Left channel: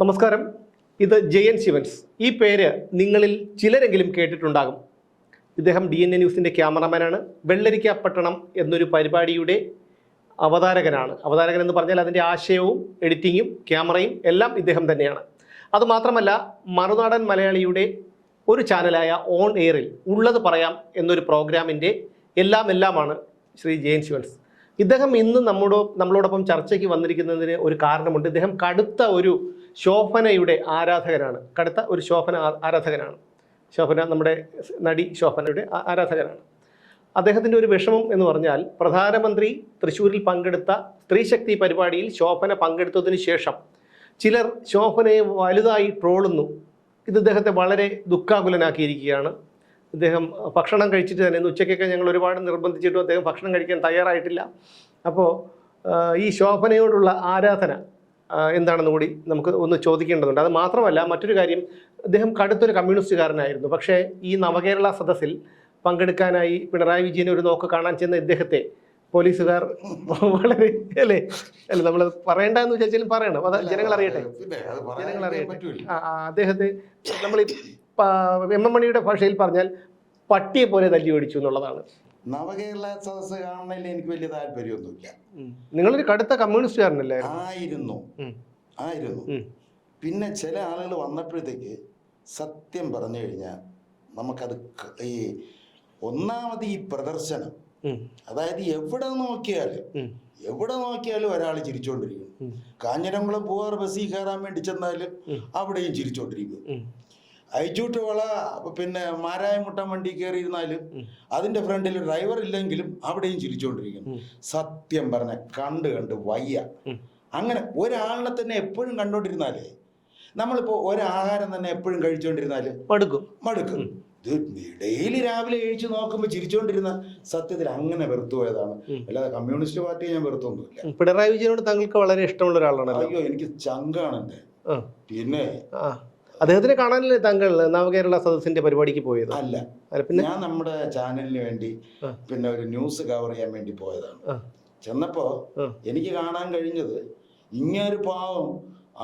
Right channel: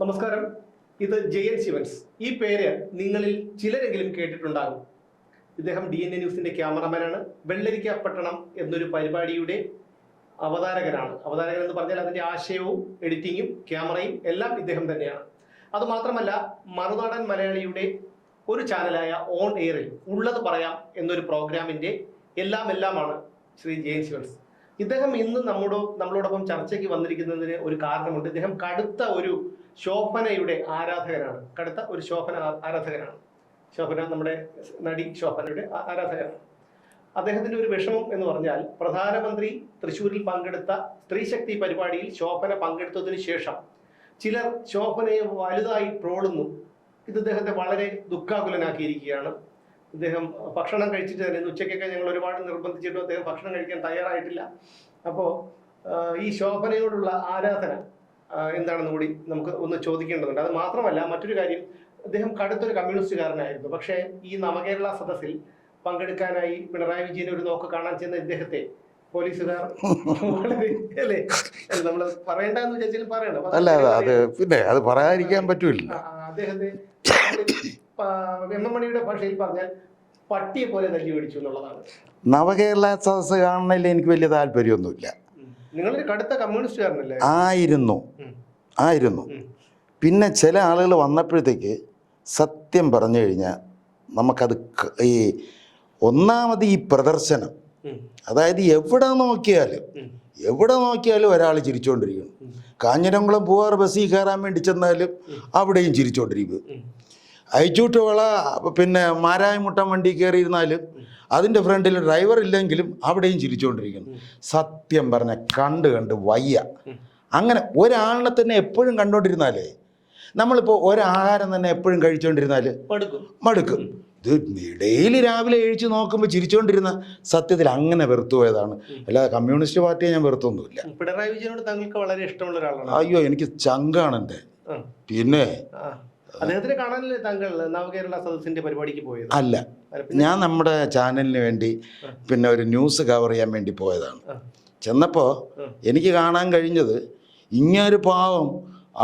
നമസ്കാരം. ഇത് ജയൻ ശിവൻസ്. ഈ പേര് നിങ്ങളിൽ ചിലരെങ്കിലും കേട്ടിട്ടുണ്ടാകും. ഇദ്ദേഹം ഡി എൻ എ ന്യൂസിന്റെ ക്യാമറമാനാണ് വെള്ളരിക്ക പട്ടണം എന്നൊരു പരിപാടിയുടെ അവതാരകനാണ്. അവതാരകൻ എന്ന് പറഞ്ഞാൽ അതിന്റെ ആശയവും എഡിറ്റിങ്ങും ക്യാമറയും എല്ലാം ഇദ്ദേഹം തന്നെയാണ്. അതുമാത്രമല്ല മറുനാടൻ മലയാളിയുടെ ഒരു ചാനലായ ഓൺ എയറിൽ ഉള്ളത് പറയാം എന്നൊരു പ്രോഗ്രാമിന്റെ എല്ലാം എല്ലാമാണ് ശ്രീ ജയൻ ശിവൻസ്. ഇദ്ദേഹം ഇന്ന് നമ്മുടെ നമ്മളോടൊപ്പം ചർച്ചയ്ക്ക് വന്നിരിക്കുന്നതിന് ഒരു കാരണമുണ്ട്. ഇദ്ദേഹം കടുത്ത ഒരു ശോഭനയുടെ ആരാധകനാണ്. കടുത്ത ഒരു ശോഭന ആരാധകനാണ്. ശോഭന നമ്മുടെ നടി ശോഭനയുടെ ആരാധകനാണ്. അദ്ദേഹത്തിന്റെ ഒരു വിഷമം എന്ന് പറഞ്ഞാൽ പ്രധാനമന്ത്രി തൃശ്ശൂരിൽ പങ്കെടുത്ത സ്ത്രീശക്തി പരിപാടിയിൽ ശോഭന പങ്കെടുത്തതിന് ശേഷം ചിലർ ശോഭനയെ വലുതായി ട്രോളുന്നു. ഇത് ഇദ്ദേഹത്തെ വളരെ ദുഃഖാകുലനാക്കിയിരിക്കുകയാണ്. ഇദ്ദേഹം ഭക്ഷണം കഴിച്ചിട്ട് തന്നെ ഇന്ന് ഉച്ചയ്ക്കൊക്കെ ഞങ്ങൾ ഒരുപാട് നിർബന്ധിച്ചിട്ടും അദ്ദേഹം ഭക്ഷണം കഴിക്കാൻ തയ്യാറായിട്ടില്ല. അപ്പോൾ ഈ ശോഭനയോടുള്ള ആരാധന എന്താണെന്ന് കൂടി നമുക്ക് ഒന്ന് ചോദിക്കേണ്ടതുണ്ട്. അത് മാത്രമല്ല മറ്റൊരു കാര്യം അദ്ദേഹം കടുത്തൊരു കമ്മ്യൂണിസ്റ്റുകാരനായിരുന്നു. പക്ഷേ ഈ നവകേരള സദസ്സിൽ പങ്കെടുക്കാനായി പിണറായി വിജയനെ ഒരു നോക്ക് കാണാൻ ചെന്ന ഇദ്ദേഹത്തെ പോലീസുകാർ വളരെ അല്ലേ? നമ്മൾ നമ്മൾ പറയണ്ടെന്ന് വിചാരിച്ചാലും പറയണം. അത് അല്ല ജനങ്ങൾ അത് അറിയട്ടെ. പിന്നെ അത് പറയാതിരിക്കാൻ പറ്റൂല. അദ്ദേഹത്തെ നമ്മൾ എം എം മണിയുടെ ഭാഷയിൽ പറഞ്ഞാൽ പട്ടിയെ പോലെ തല്ലി ഓടിച്ചു എന്നുള്ളതാണ്. നവകേരള സദസ് കാണുന്നതിൽ എനിക്ക് വലിയ താല്പര്യമൊന്നുമില്ല. നിങ്ങളൊരു കടുത്ത കമ്മ്യൂണിസ്റ്റുകാരനല്ലേ ആയിരുന്നു. ആയിരുന്നു. പിന്നെ ചില ആളുകൾ വന്നപ്പോഴത്തേക്ക് സത്യം പറഞ്ഞു കഴിഞ്ഞാൽ നമുക്കത് ഈ ഒന്നാമത് ഈ പ്രദർശനം. അതായത് എവിടെ നോക്കിയാലും എവിടെ നോക്കിയാലും ഒരാൾ ചിരിച്ചുകൊണ്ടിരിക്കും. കാഞ്ഞിരംകുളം പൂവാർ ബസ്സിൽ കയറാൻ വേണ്ടി ചെന്നാലും അവിടെയും ചിരിച്ചുകൊണ്ടിരിക്കും അയച്ചൂട്ടുവള പിന്നെ മാരായമുട്ടം വണ്ടി കയറിയിരുന്നാലും. അതിന്റെ ഫ്രണ്ടിൽ ഡ്രൈവർ ഇല്ലെങ്കിലും അവിടെയും ചിരിച്ചുകൊണ്ടിരിക്കുന്നു സത്യം പറഞ്ഞ കണ്ട് കണ്ട് വയ്യ. അങ്ങനെ ഒരാളിനെ തന്നെ എപ്പോഴും കണ്ടോണ്ടിരുന്നാലേ നമ്മളിപ്പോൾ ഒരാഹാരം തന്നെ എപ്പോഴും കഴിച്ചുകൊണ്ടിരുന്നാൽ മടുക്കും. മടുക്കും. ഇത് ഡെയിലി രാവിലെ എഴുച്ചു നോക്കുമ്പോൾ ചിരിച്ചുകൊണ്ടിരുന്ന സത്യത്തിൽ അങ്ങനെ വെറുത്തുപോയതാണ് അല്ലാതെ കമ്മ്യൂണിസ്റ്റ് പാർട്ടിയെ ഞാൻ വെറുത്തൊന്നുമില്ല. പിണറായി വിജയനോട് താങ്കൾക്ക് വളരെ ഇഷ്ടമുള്ള ഒരാളാണ്. അയ്യോ എനിക്ക് ചങ്കാണ് എന്റെ. പിന്നെ. അദ്ദേഹത്തിനെ കാണാനല്ലേ താങ്കൾ നവകേരള സദസ്സിന്റെ പരിപാടിക്ക് പോയത്? അല്ല. ഞാൻ നമ്മുടെ ചാനലിന് വേണ്ടി പിന്നെ ഒരു ന്യൂസ് കവർ ചെയ്യാൻ വേണ്ടി പോയതാണ്. ചെന്നപ്പോ ചെന്നപ്പോൾ എനിക്ക് കാണാൻ കഴിഞ്ഞത് ഇങ്ങനൊരു പാവം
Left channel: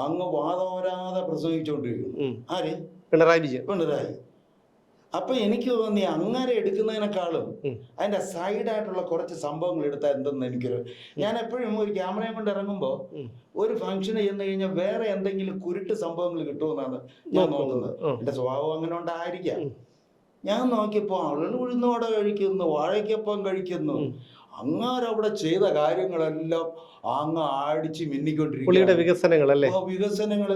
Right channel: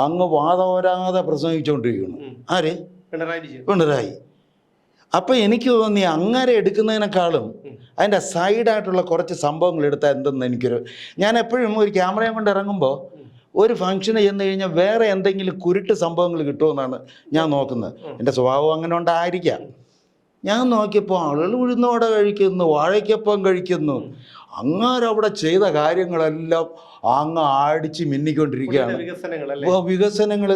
അങ്ങ് വാദോരാതെ പ്രസംഗിച്ചുകൊണ്ടിരിക്കുന്നു ആര്? പിണറായി വിജയൻ. പിണറായി. അപ്പം എനിക്ക് തോന്നി അങ്ങനെ എടുക്കുന്നതിനേക്കാളും അതിന്റെ അതിന്റെ സൈഡായിട്ടുള്ള കുറച്ച് സംഭവങ്ങൾ എടുത്താൽ എന്തെന്ന് എനിക്കൊരു ഞാൻ എപ്പോഴും ഒരു ക്യാമറയും കൊണ്ട് ഇറങ്ങുമ്പോൾ. ഒരു ഫംഗ്ഷന് ചെന്ന് കഴിഞ്ഞാൽ വേറെ എന്തെങ്കിലും കുരുട്ട് സംഭവങ്ങൾ കിട്ടുമെന്നാണ് ഞാൻ നോക്കുന്നത്. എന്റെ സ്വഭാവം അങ്ങനെ ഉണ്ടായിരിക്കാം. ഞാൻ നോക്കിയപ്പോൾ ആളുകൾ ഉഴുന്നോടെ കഴിക്കുന്നു വാഴയ്ക്കൊപ്പം കഴിക്കുന്നു. അങ്ങനെ അങ്ങാരവിടെ അവിടെ ചെയ്ത കാര്യങ്ങളെല്ലാം അങ്ങ് ആടിച്ച് മിന്നിക്കൊണ്ടിരിക്കുകയാണ്. വികസനങ്ങൾ അപ്പോൾ വികസനങ്ങൾ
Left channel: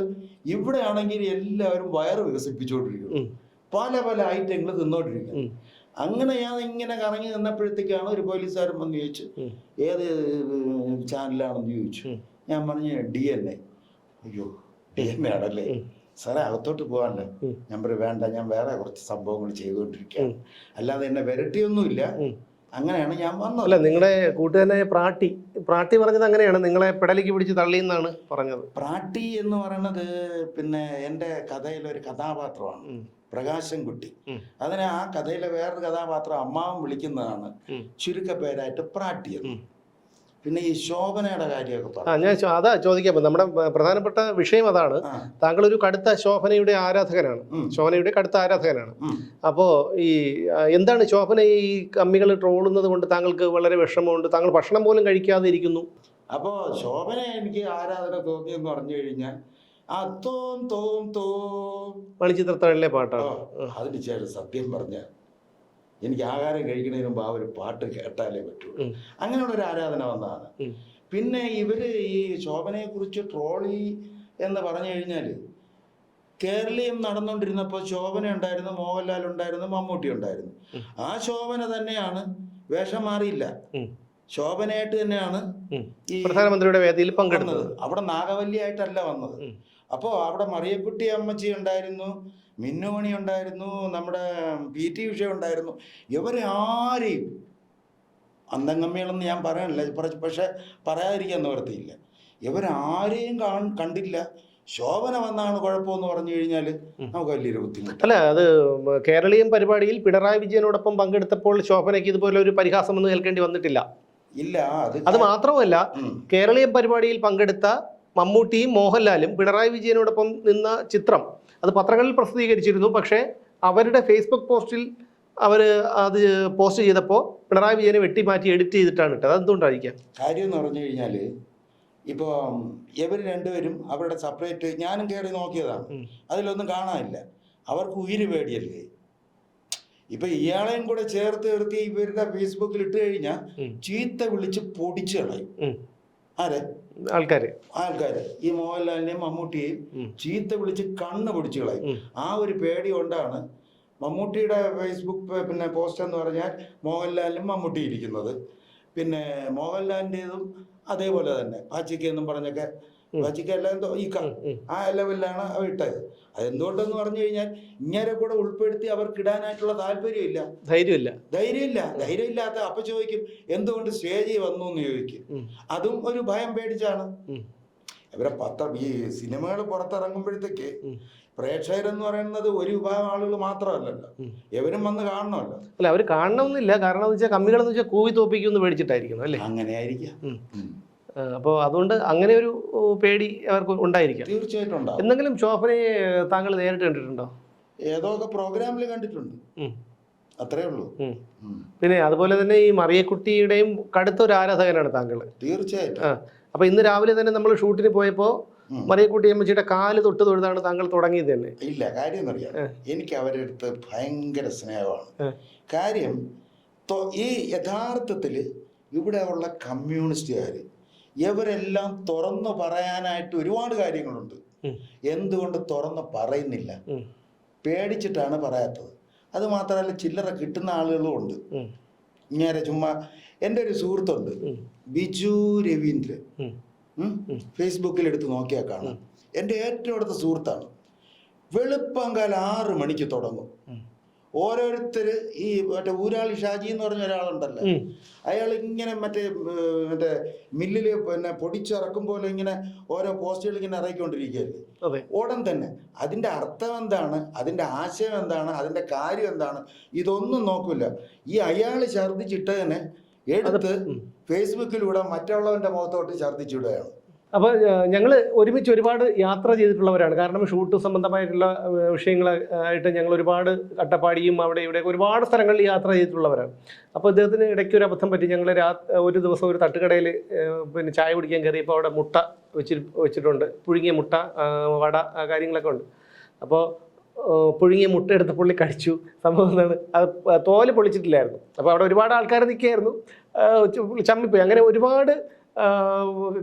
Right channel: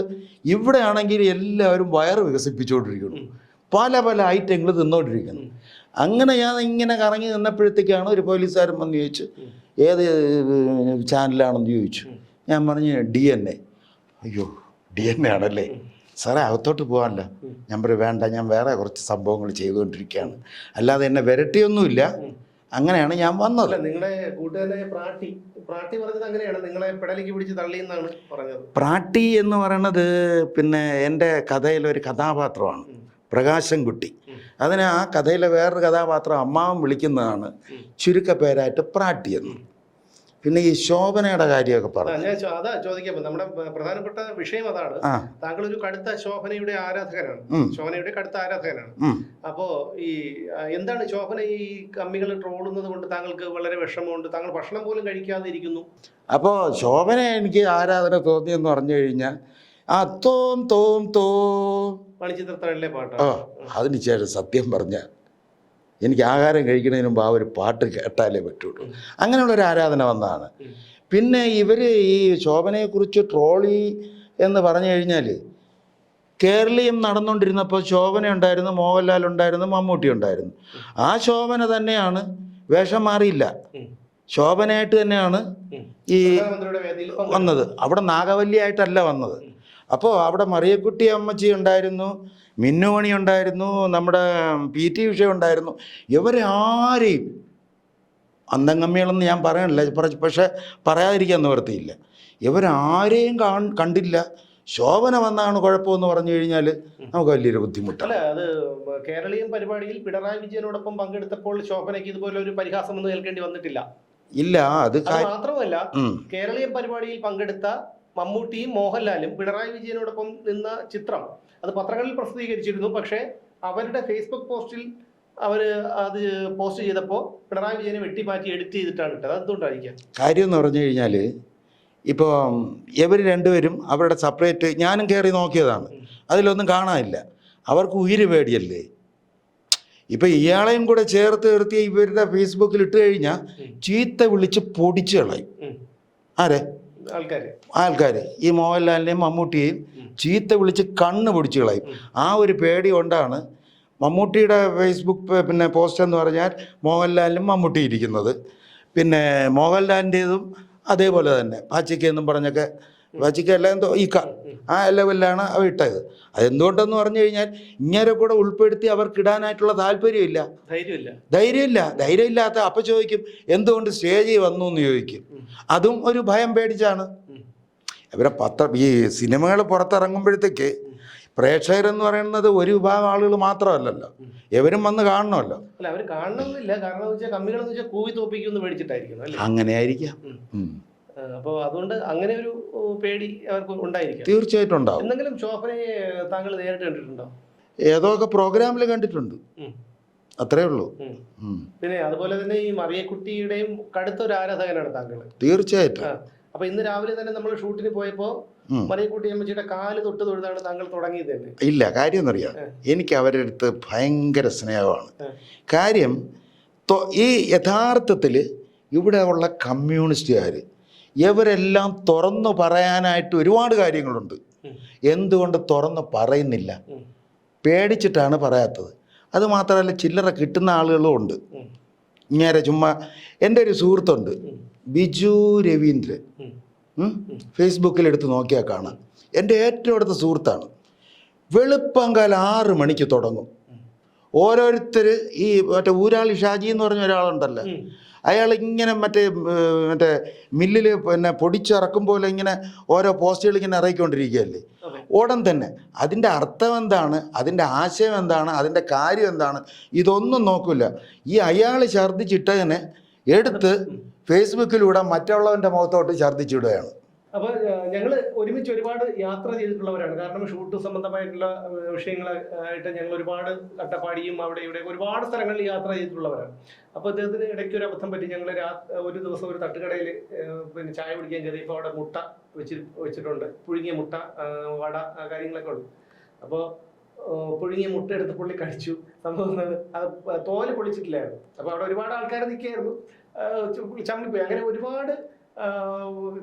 ഇവിടെ ആണെങ്കിൽ എല്ലാവരും വയറ് വികസിപ്പിച്ചുകൊണ്ടിരിക്കുന്നു. പല പല ഐറ്റങ്ങൾ തിന്നുകൊണ്ടിരിക്കുന്നു അങ്ങനെ ഞാൻ ഇങ്ങനെ കറങ്ങി നിന്നപ്പോഴത്തേക്കാണ് ഒരു പോലീസുകാരൻ വന്ന് ചോദിച്ചു. ഏത് ചാനലാണെന്ന് ചോദിച്ചു. ഞാൻ പറഞ്ഞു ഡി എൻ എ. അയ്യോ ഡി എൻ എ ആണല്ലേ. സാറേ അകത്തോട്ട് പോകാനല്ല. ഞാൻ പറയും വേണ്ട ഞാൻ വേറെ കുറച്ച് സംഭവങ്ങൾ ചെയ്തുകൊണ്ടിരിക്കുകയാണ്. അല്ലാതെ എന്നെ വിരട്ടിയൊന്നുമില്ല. അങ്ങനെയാണ് ഞാൻ വന്നത്. അല്ല നിങ്ങളെ കൂട്ടുകാരനായ പ്രാട്ടി പ്രാട്ടി പറഞ്ഞത് അങ്ങനെയാണ്. നിങ്ങളെ പെടലിക്ക് പിടിച്ച് തള്ളി എന്നാണ് പറഞ്ഞത്. പ്രാട്ടി എന്ന് പറയുന്നത് പിന്നെ എന്റെ കഥയിലൊരു കഥാപാത്രമാണ്. പ്രകാശൻകുട്ടി കുട്ടി. അതിന് ആ കഥയിലെ വേറൊരു കഥാപാത്രം അമ്മാവൻ വിളിക്കുന്നതാണ്. ചുരുക്കപ്പേരായിട്ട് പ്രാട്ടി എന്ന്. പിന്നെ ഈ ശോഭനയുടെ കാര്യമൊക്കെ പറഞ്ഞു ഞാൻ അതാ ചോദിക്കാം നമ്മുടെ പ്രധാനപ്പെട്ട വിഷയം അതാണ്. താങ്കൾ ഒരു കടുത്ത ശോഭനയുടെ ആരാധകനാണ്. ശോഭനയുടെ കടുത്ത ആരാധകനാണ്. അപ്പോ ഈ എന്താണ് ശോഭന ഈ കമ്മികൾ ട്രോളുന്നത് കൊണ്ട് താങ്കൾക്ക് വളരെ വിഷമമുണ്ട്? താങ്കൾ ഭക്ഷണം പോലും കഴിക്കാതെ ഇരിക്കുന്നു അപ്പോൾ ശോഭന എനിക്ക് ആരാധന തോന്നിയെന്ന് പറഞ്ഞു കഴിഞ്ഞാൽ ആ തോം തോം തോം. മണിച്ചിത്രത്താഴിലെ ആ പാട്ടാണ് അതിന് ശേഷം സത്യം പറഞ്ഞ എനിക്ക് ആഹാരം കഴിക്കുന്നതിന് മുമ്പ് ആ ഒരു പാട്ട് കേട്ടാലേ പറ്റുള്ളൂ. അങ്ങനെയുള്ള ഒരു ആരാധന വന്നതാണ്. പിന്നെ ഇവർ ഈ ശോഭനയെക്കുറിച്ച് ട്രോളി എന്ന് പറഞ്ഞു കഴിഞ്ഞാൽ കേരളീയം നടന്നുകൊണ്ടിരുന്നപ്പോൾ ശോഭന ഉണ്ടായിരുന്നു മോഹൻലാൽ ഉണ്ടായിരുന്നു മമ്മൂട്ടി ഉണ്ടായിരുന്നു. ആ ശോഭന തന്നെയാണ് വേഷം മാറിയില്ല. ശോഭനയായിട്ട് തന്നെയാണ് ഈ പ്രധാനമന്ത്രിയുടെ വേദിയിൽ വന്നത്. അവിടെ നാഗവല്ലിയായിട്ടല്ല വന്നത്. അപ്പോൾ അവിടെ മറിയക്കുട്ടി അമ്മച്ചി ഉണ്ടായിരുന്നു മിന്നുമണി ഉണ്ടായിരുന്നു നമ്മുടെ പി ടി ഉഷ ഉണ്ടായിരുന്നു. ഇവരെ ആരെയും അന്തംഗമ്മികളെന്ന് ഞാൻ പറയണില്ല പറ- പക്ഷെ പറയാതിരിക്കാൻ നിവർത്തിയില്ല ഇവരാരെയും കാൺ കണ്ടില്ല. ശോഭന വന്നാണ് കുഴപ്പമെന്ന് പറഞ്ഞു കഴിഞ്ഞാൽ നമുക്ക് വലിയൊരു ബുദ്ധിമുട്ട്. അല്ല അത് കേരളീയം പരിപാടിയിൽ പിണറായി വിജയനോടൊപ്പം പങ്കെടുത്തപ്പോൾ ശോഭനയ്ക്ക് ഇതുപോലെ ഒരു പരിഹാസം ഒന്നും കേൾക്കേണ്ടി വന്നിട്ടില്ല. ഇല്ല അത് അത് മാത്രമല്ല കേരളീയ പരിപാടിയിൽ പങ്കെടുത്ത മമ്മൂട്ടിയും മോഹൻലാലും പിണറായി വിജയനോടൊപ്പം നിന്ന ചിത്രം അത് പത്രങ്ങളിൽ പ്രസിദ്ധീകരിച്ചിരുന്നു. പക്ഷേ അവരുടെ ഫേസ്ബുക്ക് പോസ്റ്റിൽ അവർ അത് പോസ്റ്റ് ചെയ്തപ്പോൾ പിണറായി വിജയനെ വെട്ടിമാറ്റി എഡിറ്റ് ചെയ്തിട്ടാണ് ഇട്ടത്. അതെന്തുകൊണ്ടായിരിക്കാം? കാര്യം എന്ന് പറഞ്ഞു കഴിഞ്ഞാൽ ഇപ്പോൾ ഇവർ രണ്ടുപേരും അവരുടെ സെപ്പറേറ്റ് ഞാനും കയറി നോക്കിയതാണ്. അതിലൊന്നും കാണാനില്ല. അവർക്ക് ഉയിര് പേടിയല്ലേ? ഇപ്പം ഇയാളെയും കൂടെ ചേർത്ത് നിർത്തി ഇവരുടെ ഫേസ്ബുക്കിൽ ഇട്ട് കഴിഞ്ഞാൽ ചീത്ത വിളിച്ച് പൊടിച്ചു കളയും. ആരെ? ആൾക്കാർ ആൾക്കാർ ഈ മോഹൻലാലിനെയും മമ്മൂട്ടിയെയും ചീത്ത വിളിച്ച് കണ്ണ് പൊടിച്ചു കളയും. ആ ഒരു പേടി കൊണ്ടാണ് മമ്മൂട്ടിയുടെ ഫേസ്ബുക്ക് പിന്നെ പോസ്റ്റ് എന്ന് പറഞ്ഞാൽ മോഹൻലാലിനും മമ്മൂട്ടി ഇരിക്കുന്നത്. പിന്നെ മോഹൻലാലിന്റെതും അതേപോലെ തന്നെ. പാച്ചിക്കെന്നും പറഞ്ഞൊക്കെ പാച്ചിക്ക അല്ല എന്തോ ഈ ക ആ ലെവലിലാണ് അവ ഇട്ടത്. അതെന്തുകൊണ്ടെന്ന് പറഞ്ഞു കഴിഞ്ഞാൽ ഇങ്ങനെ കൂടെ ഉൾപ്പെടുത്തി അവർക്ക് ഇടാനായിട്ടുള്ള താല്പര്യമില്ല. ധൈര്യമില്ല. ധൈര്യമില്ല. ധൈര്യമില്ലാത്ത അപ്പം ചോദിക്കും എന്തുകൊണ്ട് സ്റ്റേജിൽ വന്നു എന്ന് ചോദിക്കും അതും ഒരു ഭയം പേടിച്ചാണ്. ഇവരെ പത്ര ഈ സിനിമകൾ പുറത്തിറങ്ങുമ്പോഴത്തേക്ക്. പ്രേക്ഷകരെന്ന് പറയുന്നത് ഒരു വിഭാഗം ആളുകൾ മാത്രമല്ലല്ലോ. എവരും വന്ന് കാണണമല്ലോ. അല്ല അവർ കാണണമെന്നില്ല. കാരണം എന്ന് വെച്ചാൽ കമ്മികളെന്ന് വെച്ചാൽ കൂവി തോപ്പിക്കുമെന്ന് പേടിച്ചിട്ടായിരിക്കും അല്ലേ? അങ്ങനെ ആയിരിക്കാം. അപ്പോൾ അതുകൊണ്ട് അങ്ങനെ ഒരു പേടി അവർക്ക് ഉണ്ടായിരിക്കാം. തീർച്ചയായിട്ടും ഉണ്ടാവും. എന്തെങ്കിലും ശോഭനയെ താങ്കൾ നേരിട്ട് കണ്ടിട്ടുണ്ടോ? ഏതൊക്കെ പ്രോഗ്രാമിൽ കണ്ടിട്ടുണ്ട്. അത്രേ ഉള്ളൂ. പിന്നെ അതുപോലെ തന്നെ ഈ മറിയക്കുട്ടിയുടെയും കടുത്ത ഒരു ആരാധകനാണ് താങ്കൾ. തീർച്ചയായിട്ടും. അപ്പൊ ഇന്ന് രാവിലെ തന്നെ നമ്മൾ ഷൂട്ടിന് പോയപ്പോ മറിയക്കുട്ടി അമ്മച്ചിയുടെ കാൽ തൊട്ട് തൊഴുതാണ് താങ്കൾ തുടങ്ങിയത് തന്നെ ഇല്ല കാര്യം എന്നറിയാം എനിക്ക് അവരുടെ അടുത്ത് ഭയങ്കര സ്നേഹമാണ്. കാര്യം ഈ യഥാർത്ഥത്തിൽ ഇവിടെ ഉള്ള കമ്മ്യൂണിസ്റ്റുകാർ ഇവരെല്ലാം തുറന്നു പറയാനായിട്ട് ഒരുപാട് കാര്യങ്ങളുണ്ട്. എന്തുകൊണ്ട് തുറന്ന് പറയുന്നില്ല? പേടിച്ചിട്ടാണ് പറയാത്തത്. അത് മാത്രമല്ല ചില്ലറ കിട്ടുന്ന ആളുകളും ഉണ്ട്. ഇങ്ങനെ ചുമ്മാ എന്റെ ഒരു സുഹൃത്തുണ്ട്. ബിജു രവീന്ദ്രൻ? ഫേസ്ബുക്കിൽ എടുത്ത് നോക്കിയാൽ കാണാം. എന്റെ ഏറ്റവും അടുത്ത സുഹൃത്താണ്. വെളുപ്പങ്കാൽ ആറ് മണിക്ക് തുടങ്ങും. ഓരോരുത്തർ ഈ മറ്റേ ഊരാളി ഷാജി എന്ന് പറഞ്ഞ ഒരാളുണ്ടല്ലോ. അയാൾ ഇങ്ങനെ മറ്റേ മറ്റേ മില്ലിൽ പിന്നെ പൊടിച്ചിറക്കും പോലെ ഇങ്ങനെ ഓരോ പോസ്റ്റുകൾ ഇങ്ങനെ ഇറക്കിക്കൊണ്ടിരിക്കുകയല്ലേ. ഉടൻ തന്നെ അതിന്റെ അർത്ഥം എന്താണ്? അതിന്റെ ആശയം എന്താണ്? അതിന്റെ കാര്യം എന്താണ്? ഇതൊന്നും നോക്കില്ല ഈ അയാൾ ഛർദ്ദിച്ചിട്ടതിനെ എടുത്ത് ഫേസ്ബുക്കിലൂടെ മറ്റുള്ളവന്റെ മുഖത്തോട്ട് ഛർദ്ദിച്ചിടുകയാണ്. അപ്പൊ ഞങ്ങൾ ഒരുമിച്ച് ഒരുപാട് യാത്ര ചെയ്തിട്ടുള്ളവരാണ്. കാരണം ഷൂട്ട് സംബന്ധമായിട്ടുള്ള വിഷയങ്ങളായിട്ട് ഞങ്ങൾ ഒരുപാട് അട്ടപ്പാടിയും അവിടെ ഇവിടെ ഒരുപാട് സ്ഥലങ്ങളിൽ യാത്ര ചെയ്തിട്ടുള്ളവരാണ്. അപ്പോൾ അദ്ദേഹത്തിന് ഇടയ്ക്ക് ഒരു അബദ്ധം പറ്റി. ഞങ്ങൾ രാ ഒരു ദിവസം ഒരു തട്ടുകടയിൽ പിന്നെ ചായ കുടിക്കാൻ കയറിയപ്പോൾ അവിടെ മുട്ട വെച്ചി വെച്ചിട്ടുണ്ട്. പുഴുങ്ങിയ മുട്ട വട കാര്യങ്ങളൊക്കെ ഉണ്ട്. അപ്പോൾ പുഴുങ്ങിയ മുട്ട എടുത്ത് പുള്ളി കഴിച്ചു. സംഭവം എന്താണ്? അത് തോൽ പൊളിച്ചിട്ടില്ലായിരുന്നു. അപ്പോൾ അവിടെ ഒരുപാട് ആൾക്കാർ നിൽക്കുകയായിരുന്നു ചമ്മിപ്പോയി. അങ്ങനെ ഒരുപാട്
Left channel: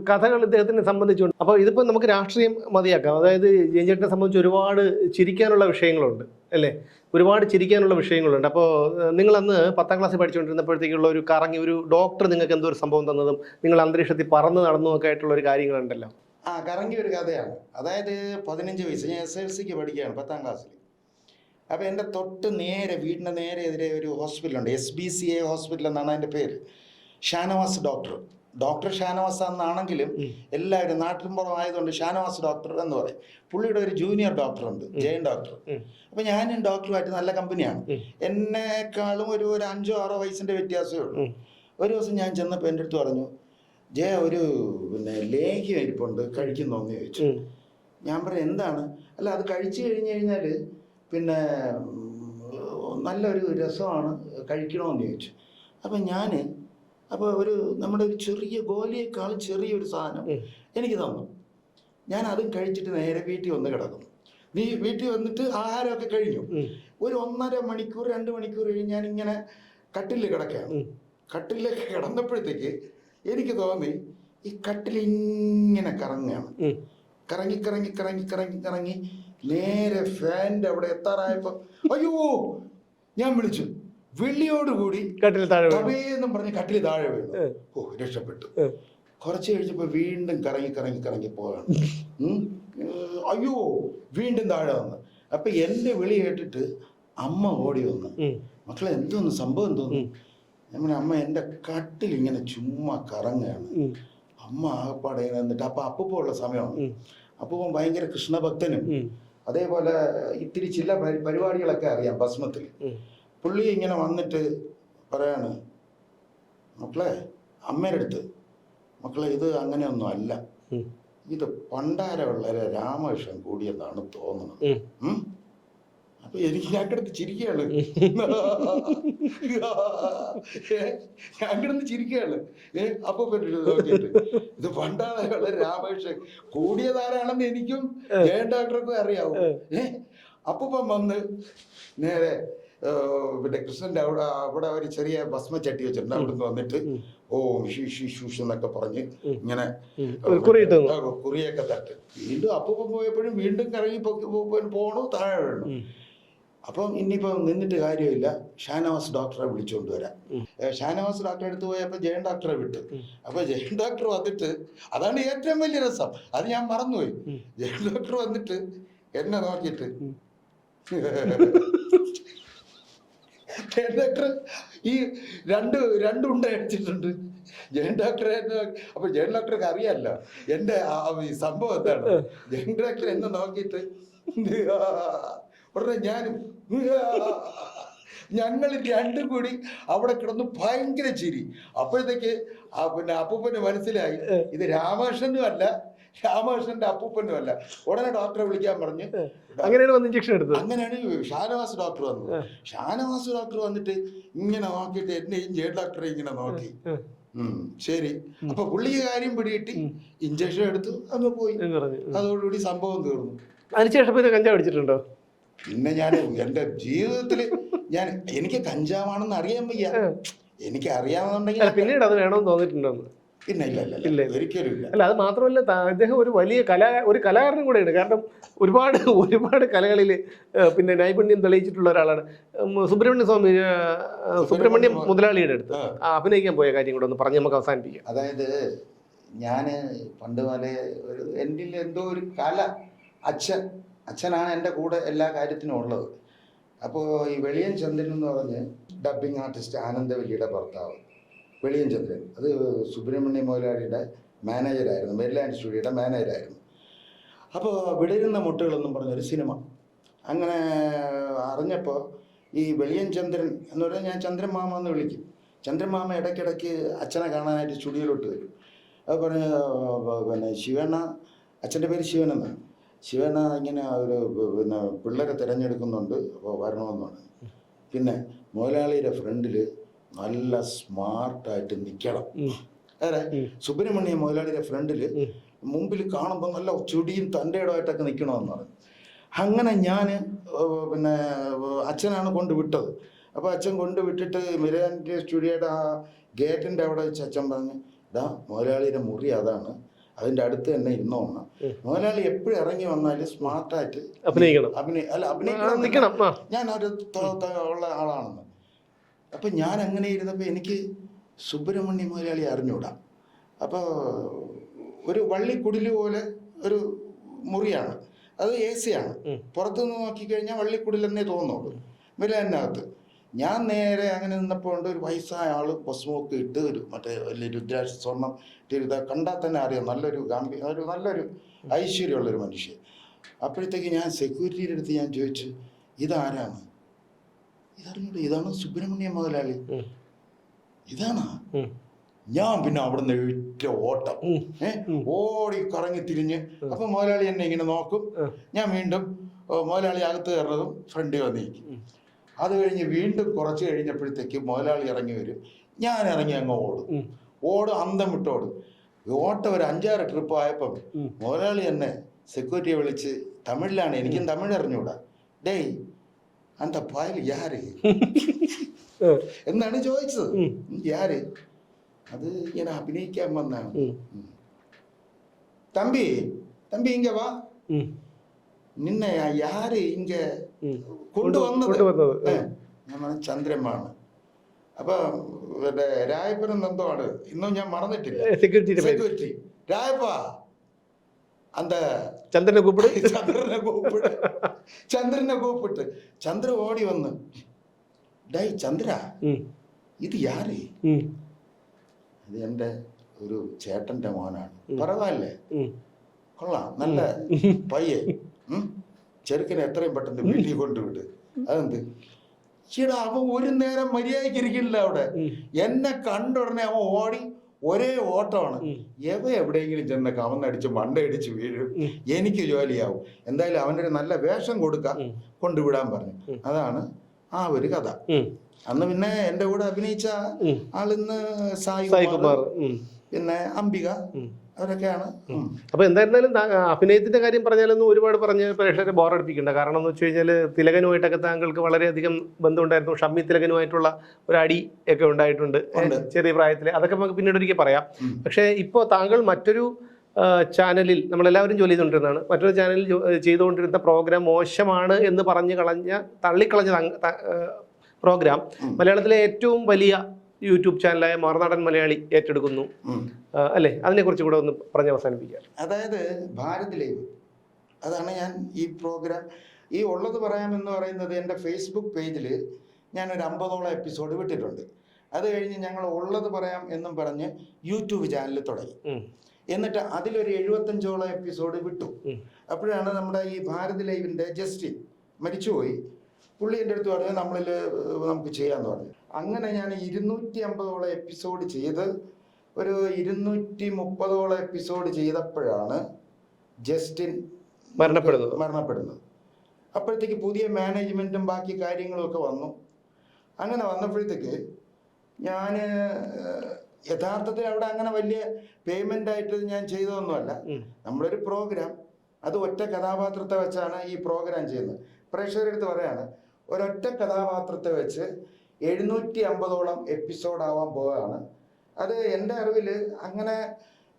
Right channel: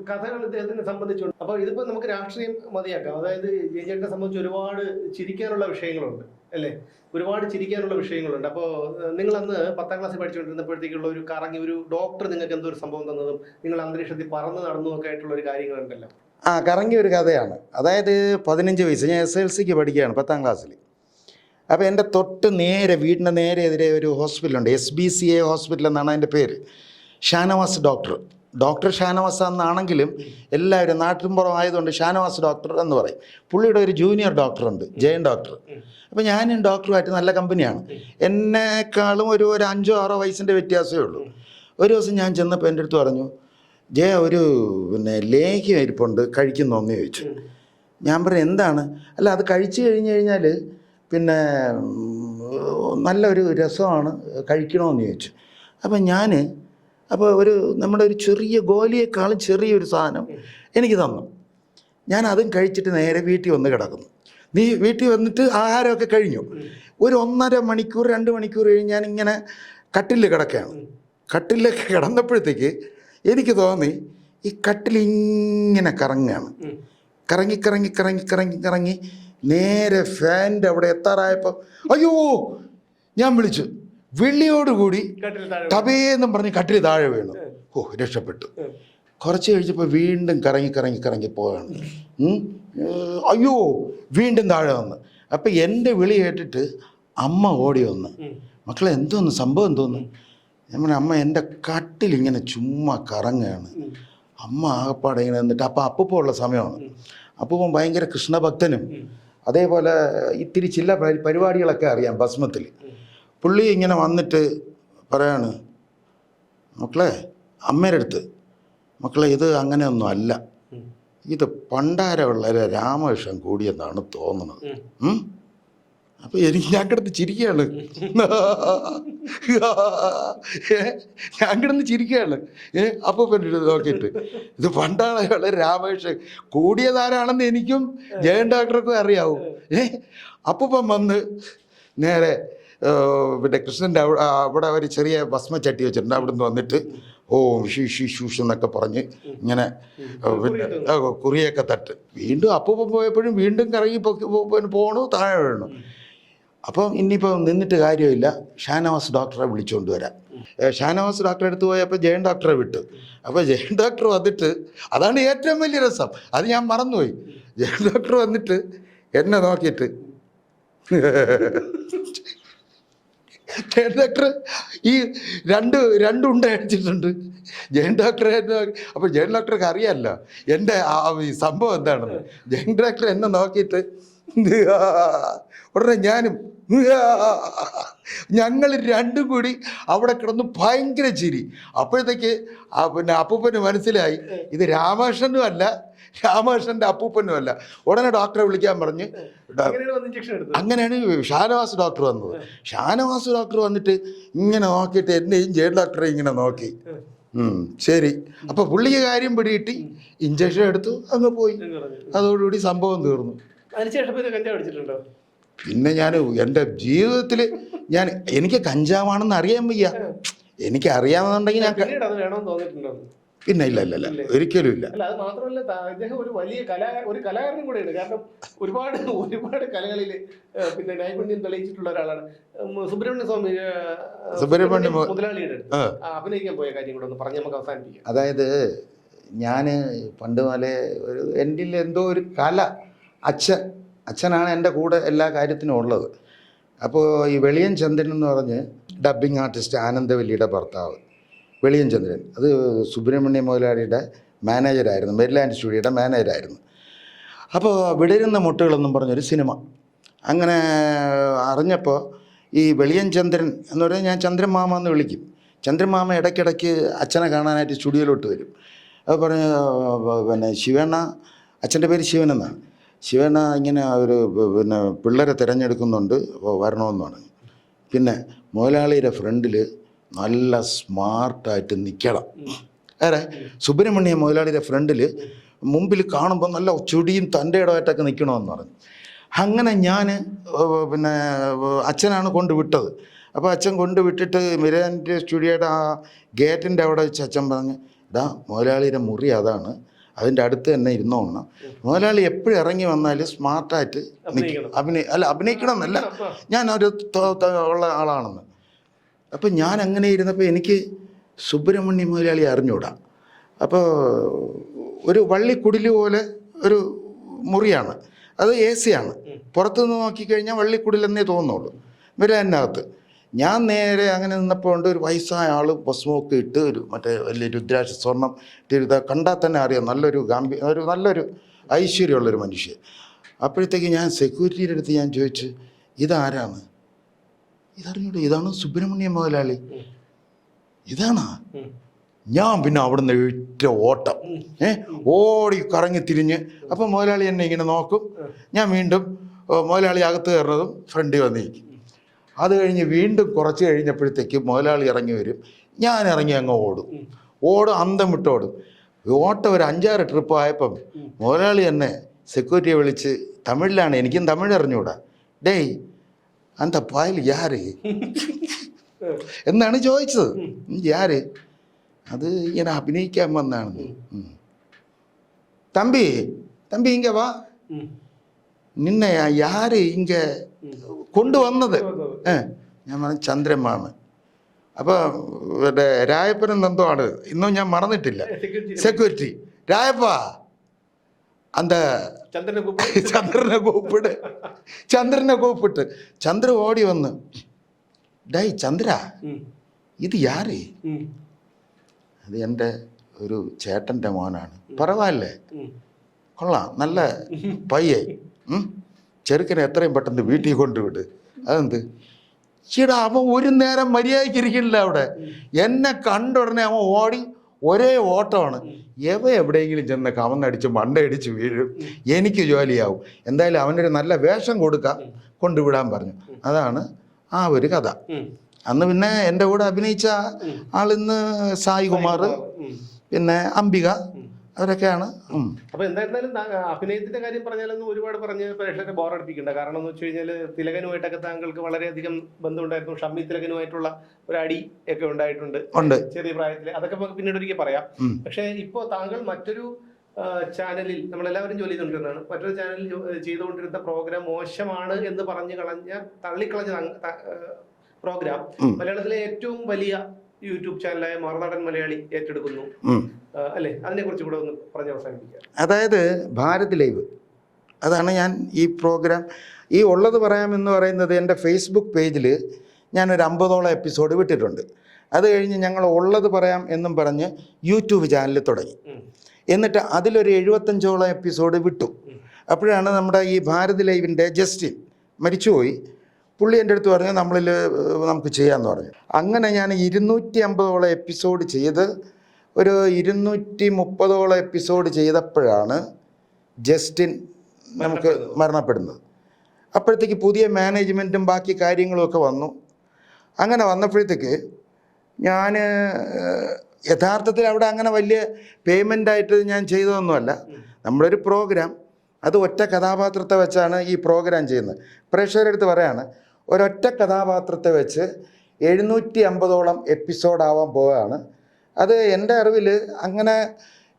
കഥകൾ ഇദ്ദേഹത്തിനെ സംബന്ധിച്ചുണ്ട്. അപ്പോൾ ഇതിപ്പോൾ നമുക്ക് രാഷ്ട്രീയം മതിയാക്കാം. അതായത് ജയൻചേട്ടനെ സംബന്ധിച്ച് ഒരുപാട് ചിരിക്കാനുള്ള വിഷയങ്ങളുണ്ട് അല്ലേ? ഒരുപാട് ചിരിക്കാനുള്ള വിഷയങ്ങളുണ്ട്. അപ്പോൾ നിങ്ങൾ അന്ന് പത്താം ക്ലാസ്സിൽ പഠിച്ചുകൊണ്ടിരുന്നപ്പോഴത്തേക്കുള്ള ഒരു കറങ്ങി ഒരു ഡോക്ടർ നിങ്ങൾക്ക് എന്തോ ഒരു സംഭവം തന്നതും നിങ്ങൾ അന്തരീക്ഷത്തിൽ പറന്ന് നടന്നു ഒക്കെ ആയിട്ടുള്ള ഒരു കാര്യങ്ങളുണ്ടല്ലോ. ആ കറങ്ങിയ ഒരു കഥയാണ്. അതായത് പതിനഞ്ച് വയസ്സ് ഞാൻ എസ് എൽ സിക്ക് പഠിക്കുകയാണ് പത്താം ക്ലാസ്സിൽ. അപ്പോൾ എന്റെ തൊട്ട് നേരെ വീടിന്റെ നേരെ എതിരെ ഒരു ഹോസ്പിറ്റലുണ്ട് S B C A hospital എന്നാണ് അതിന്റെ പേര്. ഷാനവാസ് ഡോക്ടർ. ഡോക്ടർ ഷാനവാസ് എന്നാണെങ്കിലും എല്ലാവരും നാട്ടിൻപുറം ആയതുകൊണ്ട് ഷാനവാസ് ഡോക്ടർ എന്ന് പറയും. പുള്ളിയുടെ ഒരു ജൂനിയർ ഡോക്ടർ ഉണ്ട് ജയൻ ഡോക്ടർ. അപ്പൊ ഞാനും ഡോക്ടറുമായിട്ട് നല്ല കമ്പനിയാണ്. എന്നെക്കാളും ഒരു ഒരു അഞ്ചോ ആറോ വയസ്സിന്റെ വ്യത്യാസമേ ഉള്ളൂ. ഒരു ദിവസം ഞാൻ ചെന്നപ്പോൾ എന്റെ അടുത്ത് പറഞ്ഞു ജയ ഒരു പിന്നെ ലേഹ്യം ഇരിപ്പുണ്ട് കഴിക്കുന്നോന്ന് ചോദിച്ചു. ഞാൻ പറഞ്ഞു എന്താണ്? അല്ല അത് കഴിച്ചു കഴിഞ്ഞു കഴിഞ്ഞാൽ പിന്നെ നല്ലൊരു രസമാണ് കഴിക്കണമെന്ന് ചോദിച്ചു. അപ്പം ഞാൻ അപ്പോൾ ഒരു നമ്മുടെ ഒരു ചെറിയ ഗോലിയേക്കാളും ചെറിയൊരു സാധനം എനിക്ക് തന്നു. ഞാൻ അതും കഴിച്ചിട്ട് നേരെ വീട്ടിൽ വന്ന് കിടക്കുന്നു. നീ വീട്ടിൽ വന്നിട്ട് ആഹാരമൊക്കെ കഴിഞ്ഞു. ഒരു ഒന്നര മണിക്കൂർ രണ്ട് മണിക്കൂർ കഴിഞ്ഞ് ഞാൻ ഇങ്ങനെ കട്ടിലിൽ കിടക്കുകയാണ്. കട്ടിലൊക്കെ കിടന്നപ്പോഴത്തേക്ക് എനിക്ക് തോന്നി ഈ കട്ടിലിങ്ങനെ കറങ്ങുകയാണ്. കറങ്ങി കറങ്ങി കറങ്ങി കറങ്ങി കറങ്ങി നേരെ ഫാന്റെ അവിടെ എത്താറായപ്പോൾ അയ്യോ ഞാൻ വിളിച്ചു. വിളിയോടുകൂടി. കബേന്നും പറഞ്ഞ് കട്ടിൽ താഴെ വീണു. ഓ രക്ഷപ്പെട്ടു. കുറച്ച് കഴിച്ചപ്പോൾ വീണ്ടും കറങ്ങി കറങ്ങി കറങ്ങി പോവാണ്. അയ്യോ വീണ്ടും താഴെ വന്ന്. അപ്പം എന്റെ വിളി കേട്ടിട്ട് അമ്മ ഓടി വന്ന്. മക്കളെ എന്തോന്ന്? സംഭവം എന്തോന്ന്. നമ്മുടെ അമ്മ എന്റെ കട്ടിൽ ഇങ്ങനെ ചുമ്മാ കറങ്ങുകയാണ് അമ്മ ആകപ്പാടെ ഇങ്ങനെ നിന്നിട്ട് അപ്പം അപ്പൂപ്പോ ഉള്ള സമയമാണ്. അപ്പൂപ്പം അപ്പൂപ്പൻ ഭയങ്കര കൃഷ്ണഭക്തനും. അതേപോലെ ഇത്തിരി ചില പരിപാടികളൊക്കെ അറിയാം ഭസ്മത്തിൽ. പുള്ളി ഇങ്ങനെ വന്നിട്ട് പറയാണ് മക്കളെ അമ്മയുടെ അടുത്ത് മക്കളെ ഇത് അങ്ങനെയൊന്നും അല്ല. ഇത് പണ്ടാരമുള്ള രാമകൃഷ്ണൻ കൂടിയെന്നാണ് തോന്നുന്നത്? അപ്പൊ എനിക്ക് ഞാൻ കിടന്ന് ചിരിക്കുകയാണ്. ഞാൻ കിടന്ന് ചിരിക്കുകയാണ്. ഏ? അപ്പൊ പിന്നെ നോക്കിയിട്ട് ഇത് പണ്ടാണ് അയാളെ രാമകൃഷ്ണൻ കൂടിയതാരാണെന്ന് എനിക്കും ജയൻ ഡോക്ടർക്കും അറിയാവും. ഏ? അപ്പൊ വന്ന് നേരെ പിന്നെ കൃഷ്ണന്റെ അവിടെ അവിടെ ഒരു ചെറിയ ഭസ്മച്ചട്ടി വെച്ചിട്ടുണ്ട്. അവിടുന്ന് വന്നിട്ട് ഓം ഷീ ഷീ ഷൂഷ് എന്നൊക്കെ പറഞ്ഞ് ഇങ്ങനെ കുറിയൊക്കെ തട്ട്. വീണ്ടും അപ്പം പോയപ്പോഴും വീണ്ടും കറങ്ങി പൊക്കി പോ- പോണു താഴെ വീണു. അപ്പം ഇനിയിപ്പോൾ നിന്നിട്ട് കാര്യമില്ല. ഷാനവാസ് ഡോക്ടറെ വിളിച്ചുകൊണ്ട് വരാം. ഷാനവാസ് ഡോക്ടറെ അടുത്ത് പോയപ്പോൾ ജയൻ ഡോക്ടറെ വിട്ടു. അപ്പോൾ ജയൻ ഡോക്ടർ വന്നിട്ട് അതാണ് ഏറ്റവും വലിയ രസം. അത് ഞാൻ മറന്നുപോയി. ജയൻ ഡോക്ടർ വന്നിട്ട് എന്നെ നോക്കിയിട്ട് ജയൻ ഡോക്ടർ ഈ രണ്ട് രണ്ടുണ്ട അടിച്ചിട്ടുണ്ട്. ജയൻ ഡോക്ടർ അപ്പോൾ ജയൻ ഡോക്ടർക്ക് അറിയാമല്ലോ എന്റെ ഈ സംഭവം എന്താണ്? ജയൻ ഡോക്ടർ എന്നെ നോക്കിയിട്ട് ഉടനെ ഞാനും ഞങ്ങൾ രണ്ടും കൂടി അവിടെ കിടന്ന് ഭയങ്കര ചിരി. അപ്പോഴത്തേക്ക് പിന്നെ അപ്പൂപ്പന് മനസ്സിലായി ഇത് രാമകൃഷ്ണനും അല്ല രാമകൃഷ്ണന്റെ അപ്പൂപ്പനും അല്ല ഉടനെ ഡോക്ടറെ വിളിക്കാൻ പറഞ്ഞ് അങ്ങനെയാണ് ഷാനവാസ് ഡോക്ടർ വന്നത്. ഷാനവാസ് ഡോക്ടർ വന്നിട്ട് ഇങ്ങനെ നോക്കിയിട്ട് എന്നെയും ജയിൽ ഡോക്ടറെ ഇങ്ങനെ നോക്കി. ശരി. അപ്പൊ പുള്ളിക്ക് കാര്യം പിടിയിട്ട് ഇഞ്ചക്ഷൻ എടുത്തു അങ്ങ് പോയി. അതോടുകൂടി സംഭവം തീർന്നു. അതിനുശേഷം പിന്നെ കഞ്ചാവ് അടിച്ചിട്ടുണ്ടോ? പിന്നെ ഞാൻ എന്റെ ജീവിതത്തിൽ ഞാൻ എനിക്ക് കഞ്ചാവാണെന്ന് അറിയാൻ വയ്യ. എനിക്ക് അറിയാമെന്നുണ്ടെങ്കിൽ ഞാൻ പിന്നീട് അത് വേണമെന്ന് തോന്നിയിട്ടുണ്ടോ? പിന്നെ ഇല്ല ഇല്ല ഇല്ല ഇല്ല. ഒരിക്കലും ഇല്ല. അല്ല അത് മാത്രമല്ല അദ്ദേഹം ഒരു വലിയ കലാ ഒരു കലാകാരനും കൂടെയാണ് കാരണം ഒരുപാട് ഒരുപാട് കലകളിൽ പിന്നെ നൈപുണ്യം തെളിയിച്ചിട്ടുള്ള ഒരാളാണ്. സുബ്രഹ്മണ്യ സ്വാമി സുബ്രഹ്മണ്യ മുതലാളിയുടെ അടുത്ത്. അഭിനയിക്കാൻ പോയ കാര്യം കൂടെ ഒന്ന് പറഞ്ഞ് നമുക്ക് അവസാനിപ്പിക്കാം. അതായത് ഞാൻ പണ്ട് പോലെ ഒരു എന്റെ എന്തോ ഒരു കല അച്ഛൻ അച്ഛനാണ് എന്റെ കൂടെ എല്ലാ കാര്യത്തിനും ഉള്ളത്. അപ്പോൾ ഈ വെളിയൻ ചന്ദ്രൻ എന്ന് പറഞ്ഞ് ഡബ്ബിംഗ് ആർട്ടിസ്റ്റ് ആനന്ദവല്ലിയുടെ ഭർത്താവ്. വെളിയൻ ചന്ദ്രൻ അത് സുബ്രഹ്മണ്യ മുതലാളിയുടെ മാനേജറായിരുന്നു മെരിലാൻഡ് സ്റ്റുഡിയോയുടെ മാനേജറായിരുന്നു അപ്പോൾ വിടരുന്ന മുട്ടകളെന്നും പറഞ്ഞൊരു സിനിമ. അങ്ങനെ അറിഞ്ഞപ്പോൾ ഈ വെളിയൻ ചന്ദ്രൻ എന്ന് പറഞ്ഞാൽ ഞാൻ ചന്ദ്രമാമ എന്ന് വിളിക്കും. ചന്ദ്രമാമ ഇടയ്ക്കിടയ്ക്ക് അച്ഛനെ കാണാനായിട്ട് സ്റ്റുഡിയോയിലോട്ട് വരും. അപ്പോൾ പറഞ്ഞ പിന്നെ ശിവണ്ണ അച്ഛന്റെ പേര് ശിവൻ എന്നാണ്. ശിവണ്ണ ഇങ്ങനെ ഒരു പിന്നെ പിള്ളേരെ തിരഞ്ഞെടുക്കുന്നുണ്ട് അപ്പോൾ വരണമെന്ന് പറഞ്ഞു. പിന്നെ മുതലാളിയുടെ ഫ്രണ്ടിൽ നല്ല സ്മാർട്ടായിട്ട് നിൽക്കണം ഏറെ സുബ്രഹ്മണ്യ മുതലാളിയുടെ ഫ്രണ്ടിൽ മുമ്പിൽ കാണുമ്പോൾ നല്ല ചുടിയും തന്റെ ഇടമായിട്ടൊക്കെ നിൽക്കണമെന്ന് പറഞ്ഞു. അങ്ങനെ ഞാൻ പിന്നെ അച്ഛനാണ് കൊണ്ടുവിട്ടത് അപ്പോൾ അച്ഛൻ കൊണ്ടുവിട്ടിട്ട് മിരാന്റെ സ്റ്റുഡിയോയുടെ ആ ഗേറ്റിന്റെ അവിടെ വെച്ച് അച്ഛൻ പറഞ്ഞു ഇതാ മുതലാളിയുടെ മുറി അതാണ്. അതിന്റെ അടുത്ത് തന്നെ ഇരുന്നോണം. മുതലാളി എപ്പോഴും ഇറങ്ങി വന്നാലും സ്മാർട്ടായിട്ട് അഭിനയിക്കണം. അഭിനയ അല്ല അഭിനയിക്കണം എന്നല്ല. ഞാൻ ഒരു ഉള്ള ആളാണെന്ന്. അപ്പം ഞാൻ അങ്ങനെ ഇരുന്നപ്പോൾ എനിക്ക് സുബ്രഹ്മണ്യ മുതലാളി അറിഞ്ഞൂടാ. അപ്പോൾ ഒരു വള്ളിക്കുടിൽ പോലെ ഒരു മുറിയാണ്. അത് എ സി ആണ് പുറത്തുനിന്ന് നോക്കിക്കഴിഞ്ഞാൽ വള്ളിക്കുടിലെന്നേ തോന്നുള്ളൂ അതിനകത്ത്. ഞാൻ നേരെ അങ്ങനെ നിന്നപ്പോൾ ഉണ്ട് ഒരു വയസ്സായ ആൾ ഭസ്മമൊക്കെ ഇട്ട് ഒരു മറ്റേ വലിയ രുദ്രാക്ഷ സ്വർണം തിരുത കണ്ടാൽ തന്നെ അറിയാം. നല്ലൊരു ഗാംഭീ ഒരു നല്ലൊരു ഐശ്വര്യമുള്ളൊരു മനുഷ്യൻ. അപ്പോഴത്തേക്ക് ഞാൻ സെക്യൂരിറ്റിയുടെ അടുത്ത് ഞാൻ ചോദിച്ചു ഇതാരാണ്? ഇതറിഞ്ഞൂടെ ഇതാണ് സുബ്രഹ്മണ്യ മുതലാളി. ഇതാണാ? ഞാൻ പിന്നെ അവിടുന്ന് ഏറ്റ ഓട്ടം. ഏ? ഓടി കറങ്ങി തിരിഞ്ഞ്. അപ്പം മുതലാളി എന്നെ ഇങ്ങനെ നോക്കും. ഞാൻ വീണ്ടും മുതലാളി അകത്ത് കയറുന്നതും ഫ്രണ്ടിൽ വന്നിരിക്കും അത് കഴിഞ്ഞ് വീണ്ടും കുറച്ച് കഴിഞ്ഞപ്പോഴത്തേക്ക് മുതലാളി ഇറങ്ങി വരും. ഞാൻ ഇറങ്ങി അങ്ങ് ഓടും. ഓടും അന്തം വിട്ടോടും ഓട്ടം ഒരു അഞ്ചാറ് ട്രിപ്പ് ആയപ്പം. മുതലാളി എന്നെ സെക്യൂരിറ്റിയെ വിളിച്ച് തമിഴിലാണ് എനിക്കും തമിഴ് അറിഞ്ഞൂടാ. ഡേയ് അന്ത പായൽ യാര് ഉം. എന്നാണ് ചോദിച്ചത്. യാര് അത് ഇങ്ങനെ അഭിനയിക്കാൻ വന്നാണ്. തമ്പി തമ്പി ഇങ്ക വാ. നിന്നെ യാര് ഇങ്ക. കൊണ്ടുവന്നത്. ഞാൻ പറഞ്ഞു ചന്ദ്രമാമൻ അപ്പൊ രായപ്പനും എന്തോ ആണ് ഇന്നും ഞാൻ മറന്നിട്ടില്ല. സെക്യൂരിറ്റി രായപ്പ. அந்த ചന്ദ്രനെ കൂപ്പിട് ചന്ദ്രനെ കൂപ്പിട് ചന്ദ്രനെ കൂപ്പിട്ട് ചന്ദ്ര ഓടി വന്ന് ഡേയ് ചന്ദ്ര ഉം. ഇത് യാര് ഉം. അത് എൻ്റെ ഒരു ചേട്ടൻ്റെ മോനാണ് പറവാല്ലേ ഉം. കൊള്ളാം നല്ല പയ്യെ ഉം. ചെറുക്കനെ എത്രയും പെട്ടെന്ന് വീട്ടിൽ കൊണ്ടുവിട് അതെന്ത് ഈടാ അവൻ ഒരു നേരം മര്യാദയ്ക്ക് ഇരിക്കില്ല അവിടെ എന്നെ കണ്ട ഉടനെ അവൻ ഓടി ഒരേ ഓട്ടമാണ്. എവ എവിടെയെങ്കിലും ചെന്ന് കവന്നടിച്ച് മണ്ടയടിച്ച് വീഴും എനിക്ക് ജോലിയാവും എന്തായാലും അവനൊരു നല്ല വേഷം കൊടുക്കാം. കൊണ്ടുവിടാൻ പറഞ്ഞു അതാണ് ആ ഒരു കഥ അന്ന് പിന്നെ എന്റെ കൂടെ അഭിനയിച്ച. ആളിന്ന് സായികുമാർ. പിന്നെ അംബിക. അവരൊക്കെയാണ് അപ്പോൾ അപ്പൊ എന്തായിരുന്നാലും അഭിനയത്തിന്റെ കാര്യം പറഞ്ഞാലൊന്നും ഒരുപാട് പറഞ്ഞ് പ്രേക്ഷകരെ ബോറടിപ്പിക്കണ്ട. കാരണം എന്ന് വെച്ച് കഴിഞ്ഞാൽ തിലകനുമായിട്ടൊക്കെ താങ്കൾക്ക് വളരെയധികം ബന്ധമുണ്ടായിരുന്നു. ഷമ്മി തിലകനുമായിട്ടുള്ള ഒരു അടി ഒക്കെ ഉണ്ടായിട്ടുണ്ട്. ചെറിയ പ്രായത്തിൽ അതൊക്കെ നമുക്ക് പിന്നീട് ഒരിക്കൽ പറയാം. പക്ഷെ ഇപ്പോൾ താങ്കൾ മറ്റൊരു ചാനലിൽ നമ്മളെല്ലാവരും ജോലി ചെയ്തുകൊണ്ടിരുന്നതാണ്. മറ്റൊരു ചാനലിൽ ചെയ്തുകൊണ്ടിരുന്ന പ്രോഗ്രാം മോശമാണ് എന്ന് പറഞ്ഞു കളഞ്ഞ തള്ളിക്കളഞ്ഞ പ്രോഗ്രാം മലയാളത്തിലെ ഏറ്റവും വലിയ യൂട്യൂബ് ചാനലായ മറുനാടൻ മലയാളി ഏറ്റെടുക്കുന്നു. അല്ലെ അതിനെ അല്ലേ? അതിനെക്കുറിച്ച് കൂടെ ഒന്ന് പറഞ്ഞ് അവസാനിപ്പിക്കാം. അതായത് ഭാരത് ലൈവ്. അതാണ് ഞാൻ ഈ പ്രോഗ്രാം ഈ ഉള്ളത് പറയാമെന്ന് പറയുന്നത് എന്റെ ഫേസ്ബുക്ക് പേജിൽ ഞാൻ ഞാനൊരു അമ്പതോളം എപ്പിസോഡ് വിട്ടിട്ടുണ്ട്. അത് കഴിഞ്ഞ് ഞങ്ങൾ ഉള്ളത് പറയാം എന്നും പറഞ്ഞ് യൂട്യൂബ് ചാനൽ തുടങ്ങി. എന്നിട്ട് അതിലൊരു എഴുപത്തഞ്ചോളം എപ്പിസോഡ് വിട്ടു. അപ്പോഴാണ് നമ്മുടെ ഈ ഭാരത് ലൈവിന്റെ ജസ്റ്റിൻ മരിച്ചുപോയി. പുള്ളി എന്റെ അടുത്ത് പറഞ്ഞു നമ്മളിൽ നമുക്ക് ചെയ്യാമെന്ന് പറഞ്ഞു. അങ്ങനെ ഞാൻ ഇരുന്നൂറ്റി അമ്പതോളം എപ്പിസോഡ് ചെയ്ത് ഒരു ഇരുന്നൂറ്റി മുപ്പതോളം എപ്പിസോഡ് ചെയ്തപ്പോഴാണ് ജസ്റ്റിൻ മരണപ്പെടുന്നത്. അപ്പോഴത്തേക്ക് പുതിയ മാനേജ്മെന്റും ബാക്കി കാര്യങ്ങളും ഒക്കെ വന്നു. അങ്ങനെ വന്നപ്പോഴത്തേക്ക് ഞാൻ യഥാർത്ഥത്തിൽ അവിടെ അങ്ങനെ വലിയ പേയ്മെന്റ് ആയിട്ട് ഞാൻ ചെയ്തതൊന്നുമല്ല. നമ്മളൊരു പ്രോഗ്രാം. അത് ഒറ്റ കഥാപാത്രത്തെ വെച്ചാണ് ഈ പ്രോഗ്രാം ചെയ്യുന്നത്. പ്രേക്ഷകരെടുത്ത് പറയാണ് ഒരൊറ്റ കഥാപാത്രത്തെ വെച്ച് എഴുന്നൂറ്റി അമ്പതോളം എപ്പിസോഡാവാൻ പോവുകയാണ്. അത് എന്റെ അറിവിൽ അങ്ങനെ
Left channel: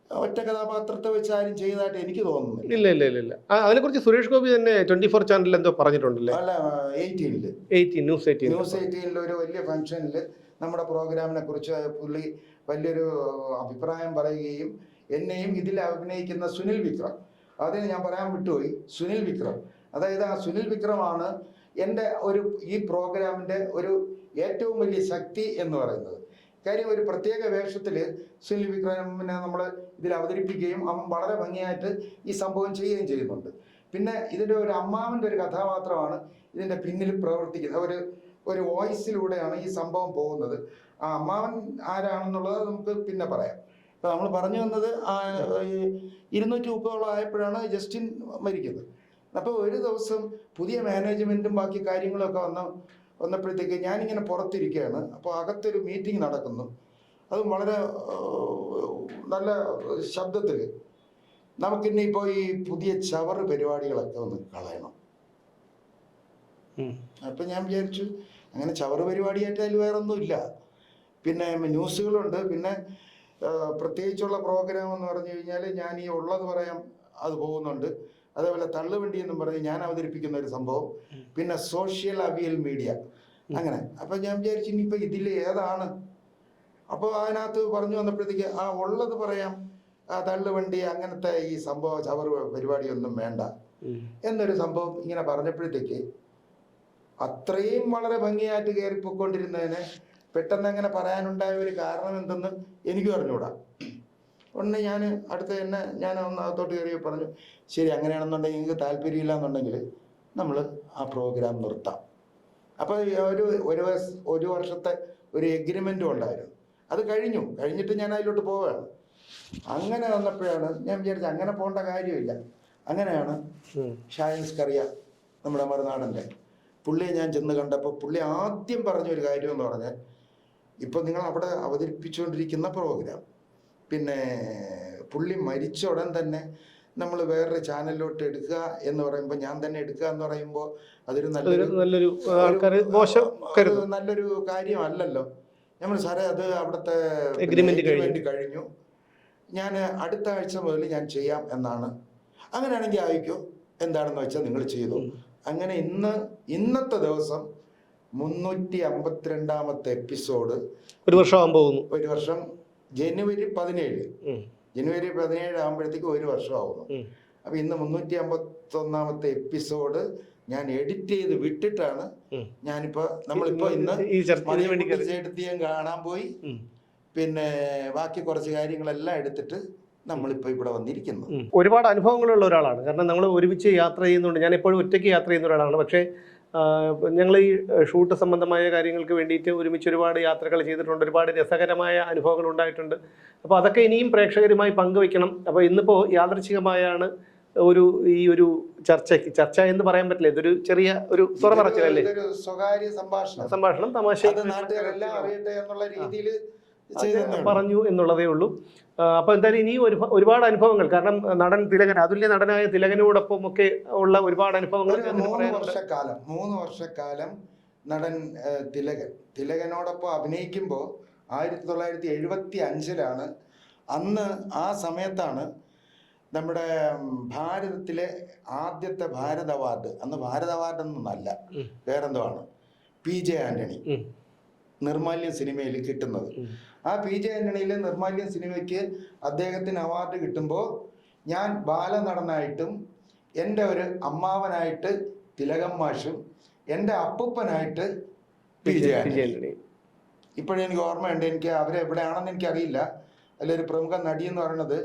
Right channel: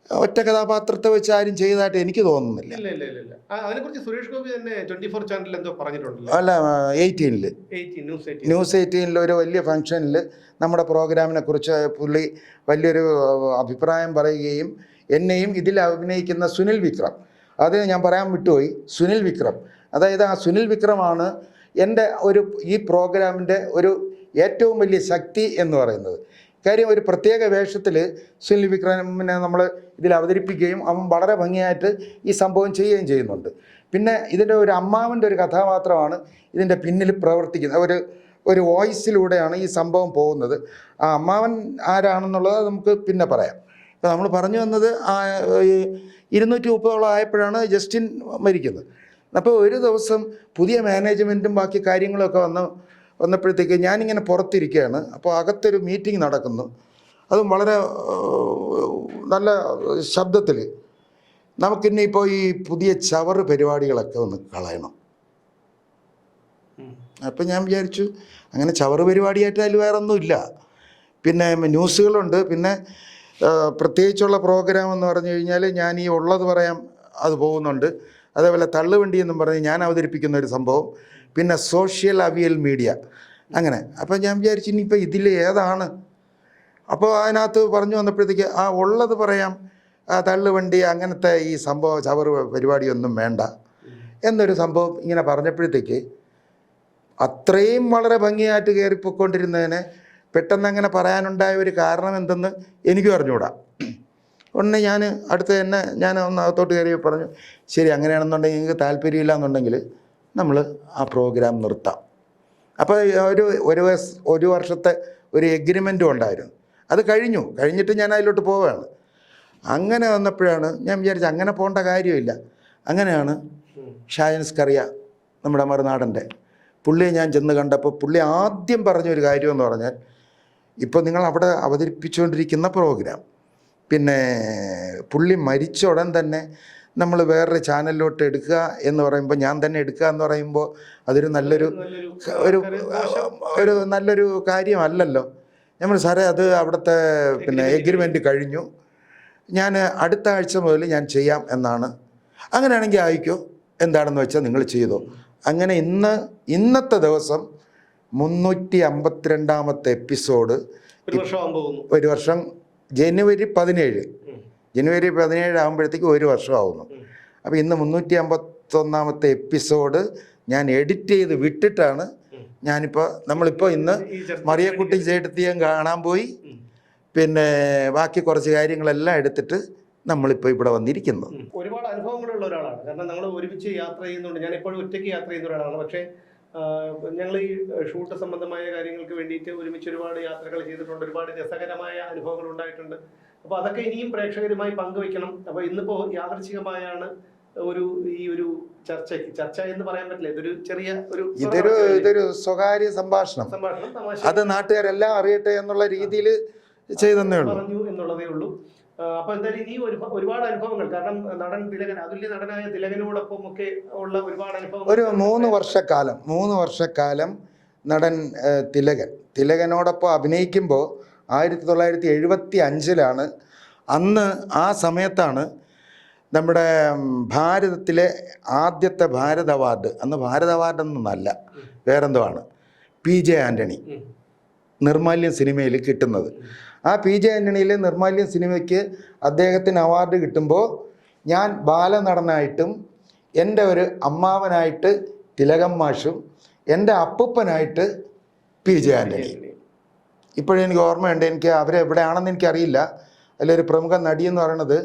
ഒറ്റ കഥാപാത്രത്തെ വെച്ച് ആരും ചെയ്തതായിട്ട് എനിക്ക് തോന്നുന്നില്ല. ഇല്ല ഇല്ല ഇല്ല ഇല്ല. അതിനെ അതിനെക്കുറിച്ച് സുരേഷ് ഗോപി തന്നെ ട്വന്റി ഫോർ ചാനലിൽ എന്തോ പറഞ്ഞിട്ടുണ്ടല്ലോ? അല്ല എയ്റ്റീനിൽ ന്യൂസ് എയ്റ്റീൻ ന്യൂസ് എയ്റ്റീനിൽ ഒരു വലിയ ഫംഗ്ഷനിൽ നമ്മുടെ പ്രോഗ്രാമിനെ കുറിച്ച് പുള്ളി വലിയൊരു അഭിപ്രായം പറയുകയും എന്നെയും ഇതിൽ അഭിനയിക്കുന്ന സുനിൽ വിക്രം. അത് ഞാൻ പറയാൻ വിട്ടുപോയി. സുനിൽ വിക്രം. അതായത് ആ സുനിൽ വിക്രമാണ് എന്റെ ഒരു ഈ പ്രോഗ്രാമിന്റെ ഒരു ഏറ്റവും വലിയ ശക്തി എന്ന് പറയുന്നത്. കാര്യം ഒരു പ്രത്യേക വേഷത്തിൽ സുനിൽ വിക്രമിനെ നമ്മൾ ഇതിൽ അവതരിപ്പിക്കുകയും അവൻ വളരെ ഭംഗിയായിട്ട് ഈ സംഭവം ചെയ്യുകയും ചെയ്യുന്നുണ്ട്. പിന്നെ ഇതിന്റെ ഒരു അമ്മാവിന്റെ ഒരു കഥാപാത്രമാണ് ഇതിന്റെ പിന്നിൽ പ്രവർത്തിക്കുന്നത്. ഒരു ഒരു വോയിസിലൂടെയാണ് ഈ സംഭവം പോകുന്നത്. ആ അമ്മാവൻ ആരാണെന്നുള്ളത് നമുക്ക് പിന്നെ പറയാം. നമ്മൾ പറഞ്ഞു വന്നത് ഇരുന്നൂറ്റി മുപ്പതോളം ആയപ്പോഴാണ് ജസ്റ്റിൻ മരിക്കുന്നത്. അപ്പോൾ ഒരു ദിവസം പുതിയ മാനേജ്മെന്റും ബാക്കി കാര്യങ്ങളൊക്കെ വന്ന് വന്നപ്പോഴത്തേക്ക് ഞാനിങ്ങനെ പുറത്തിരിക്കുകയാണ്. അപ്പോൾ അകത്തൊരു മീറ്റിംഗ് നടക്കുന്നു. അതും വളരെ നല്ല ശബ്ദത്തിൽ നമുക്കിന്നെ ഇപ്പോൾ ഈ പുതിയ ചവറ് പരിപാടികളൊക്കെ ഒന്ന് കളയണം. അപ്പം ഞാൻ വിചാരിച്ചു അങ്ങനെ ചവറ് പരിപാടിയായിട്ട് അതിൽ വേറെ ഒന്നുമില്ല പിന്നെ ന്യൂസുകളുണ്ട്. പിന്നെ പ്രത്യേകിച്ചുള്ള പ്രോഗ്രാം എന്ന് പറഞ്ഞു കഴിഞ്ഞാൽ ഞാൻ ഈ ഉള്ളത് പറയാം അത് പോകുന്നുണ്ട്. അതേപോലെ തള്ളുവണ്ടി എന്നും പറഞ്ഞ് ഞാൻ അവതരിപ്പിക്കുന്ന ഒരു സംഭവം. പിന്നെ സോഷ്യൽ അവിയൽ മീഡിയ അങ്ങനെ. അപ്പം ഞാൻ വിചാരിച്ചു ഇനിയിപ്പോൾ ഇതിൽ ഏതാണ്? അപ്പോൾ അതിനകത്ത് പറഞ്ഞു വന്നപ്പോഴത്തേക്ക് ആ ഉള്ളത് പറയാം. ആ തള്ളുവണ്ടി അങ്ങനത്തെ ഈ സംഭവം ചവർ പരിപാടിയൊന്നും വേണ്ട. എന്നൊരു സംഭവം ഇങ്ങനെ പറഞ്ഞപ്പോഴത്തേക്ക് അത്രയും വളരെ ഭംഗിയായിട്ട് കയറിപ്പോയിക്കൊണ്ടിരുന്നതിന് പെട്ടെന്ന് അങ്ങനെ പറയാനുണ്ടായ ഒരു കാരണം എന്തെന്ന് എനിക്കും അറിഞ്ഞുകൂടാ. ഉടനെ ഞാൻ അടുത്ത് തന്നെ ഞാൻ ഒന്ന് അകത്തോട്ട് കയറി പറഞ്ഞു ശരി അങ്ങനെയാണെന്നുണ്ടെങ്കിൽ നിങ്ങൾക്ക് താല്പര്യമില്ല എന്നുണ്ടെങ്കിൽ നമ്മൾ ആ പ്രോഗ്രാം നിർത്താം. അപ്പോൾ ഒരു ഒരു ഒരു വർഷത്തെ ഒരു എഗ്രിമെന്റും ഉണ്ടായിരുന്നു. അത് കഴിഞ്ഞു. കഴിഞ്ഞിട്ട് ഞാൻ അതിലോട്ട് പോവുകയാണ്. അങ്ങനെ വന്നപ്പോഴാണ് ഞാൻ വിചാരിച്ചത് അങ്ങനെ പോകേണ്ട കാര്യമില്ല. അങ്ങനെയാണ് ഷായൻസ് കറിയ നമ്മുടെ മറുനാടന്റെ പുള്ളിയെ ഞാൻ ചെന്ന് കണ്ടപ്പോൾ പുള്ളി ആദ്യം പറഞ്ഞൊരു കാര്യമെന്ന് പറഞ്ഞാൽ ഇപ്പോൾ നിങ്ങൾ അവിടെ അവതരിപ്പിച്ചുകൊണ്ടിരിക്കുന്ന പ്രോഗ്രാം പിന്നെ പുള്ളി മരിച്ച ഉടൻ തന്നെ നമ്മൾ വേറൊരു ചാനലിലോട്ട് എടുക്കുക എന്ന് പറയുമ്പോൾ ഞാൻ തന്നെ എടുക്കുക എന്ന് പറയുമ്പോൾ അതൊരു നല്ലൊരു ഒരു ഒരു നല്ലൊരു കാര്യമല്ലല്ലോ. നമ്മൾ സാറേ അത് അവിടുത്തെ പിന്നെ എഗ്രിമെന്റ് കഴിഞ്ഞു. ഞാൻ അടുത്ത ആഴ്ച മുതൽ ഞാൻ ചെയ്യാം എന്നാണ്. അങ്ങനെയാണെങ്കിൽ ആയിക്കോ. എന്താണെന്ന് വെച്ചാൽ നിങ്ങൾ ചെയ്തോ. അങ്ങനെ ഇന്ന് ഇന്നത്തെ ദിവസം മുന്നൂറ്റി അമ്പത്തിരണ്ടാമത്തെ എപ്പിസോഡ് ഒരു വർഷം ഒരു വർഷം ജനുവരി പതിനേഴ്. ജനുവരി പതിനേഴ് ആകുമ്പോഴത്തേക്ക് ഒരു വർഷമാവുന്നു. അപ്പം അപ്പോൾ ഇന്ന് മുന്നൂറ്റി അമ്പത്തൊന്നാമത്തെ എപ്പിസോഡ് ഞാൻ എഡിറ്റ് ചെയ്ത് വിട്ടിട്ടാണ്. ഞാനിപ്പോൾ നമ്മളിപ്പോൾ ഇന്ന് മറിയക്കുട്ടി ചേട്ടത്തിയും കാണാൻ പോയി. പിന്നെ ബാക്കി കുറച്ച് കാര്യങ്ങളെല്ലാം എടുത്തിട്ട് നമ്മളിപ്പോൾ ഇവിടെ വന്നിരിക്കുന്നു. ഒരുപാട് അനുഭവങ്ങളുള്ള ഒരാളാണ്. കാരണം നമ്മൾ ഒരുമിച്ച് യാത്ര ചെയ്യുന്നുണ്ട്. ഞാൻ എപ്പോഴും ഒറ്റയ്ക്ക് യാത്ര ചെയ്യുന്ന ഒരാളാണ്. പക്ഷേ ഞങ്ങൾ ഈ ഷൂട്ട് സംബന്ധമായ കാര്യങ്ങൾക്ക് വേണ്ടിയിട്ട് ഒരുമിച്ച് ഒരുപാട് യാത്രകൾ ചെയ്തിട്ടുണ്ട്. ഒരുപാട് രസകരമായ അനുഭവങ്ങൾ ഉണ്ടായിട്ടുണ്ട്. അപ്പോൾ അതൊക്കെ ഇനിയും പ്രേക്ഷകരുമായി പങ്കുവെക്കണം അപ്പോൾ ഇന്നിപ്പോൾ യാദൃച്ഛികമായാണ് ഒരു ഈ ഒരു ചർച്ചയ്ക്ക് ചർച്ച എന്ന് പറയാൻ പറ്റില്ല. ഇതൊരു ചെറിയ ഒരു ഇതൊരു സ്വകാര്യ സംഭാഷണം. സംഭാഷണം തമാശ. അത് നാട്ടുകാരെല്ലാം അറിയട്ടെ എന്നുള്ള രീതിയിൽ പറഞ്ഞു എന്നുള്ളതേ ഉള്ളൂ. ആ, അപ്പൊ എന്തായാലും ഇനി ഒരു ഒരുപാട് അനുഭവങ്ങൾ കാരണം നടൻ തിലകൻ അതുല്യ നടനായ തിലകനോടൊപ്പം ഒക്കെ ഉള്ള ഒരുപാട് അനുഭവങ്ങൾ ഒരു മൂന്ന് വർഷക്കാലം മൂന്ന് വർഷക്കാലം നടൻ തിലകൻ തിലകനോടൊപ്പം അഭിനയിക്കുമ്പോൾ ആയിരത്തി തൊള്ളായിരത്തി എഴുപത്തി അഞ്ചിലാണ് അന്ന് ആ സമയത്താണ് നമ്മുടെ ഭാരതത്തിലെ ആദ്യത്തെ ഭാരത് അവാർഡ് അന്ന് ഭാരത് അവാർഡ് ഒന്നല്ല ഉം. വേറെന്തോ ആണ് പി ജെ ആന്റണി. നിർമാല്യം സിനിമയിൽ കിട്ടുന്നത്. ആ പി ജെ ആന്റണിയിലെ നിർമാല്യം സിനിമയ്ക്ക് അദ്ദേഹത്തിന് അവാർഡ് കിട്ടുമ്പോൾ ഞാൻ ബാലനടനായിട്ടും എന്റെ ഒരു അമ്മാവനായിട്ട് തിലകം മാഷും എന്റെ അപ്പൂപ്പനായിട്ട് പി ജെ ആന്റണി ഇപ്പോഴും എനിക്ക് ഓർമ്മയുണ്ട്. എനിക്ക് അവരെ എവിടെയാണെന്ന് എനിക്കറിയില്ല. അതിലൊരു പ്രമുഖ നടി എന്ന് പറയുന്നത്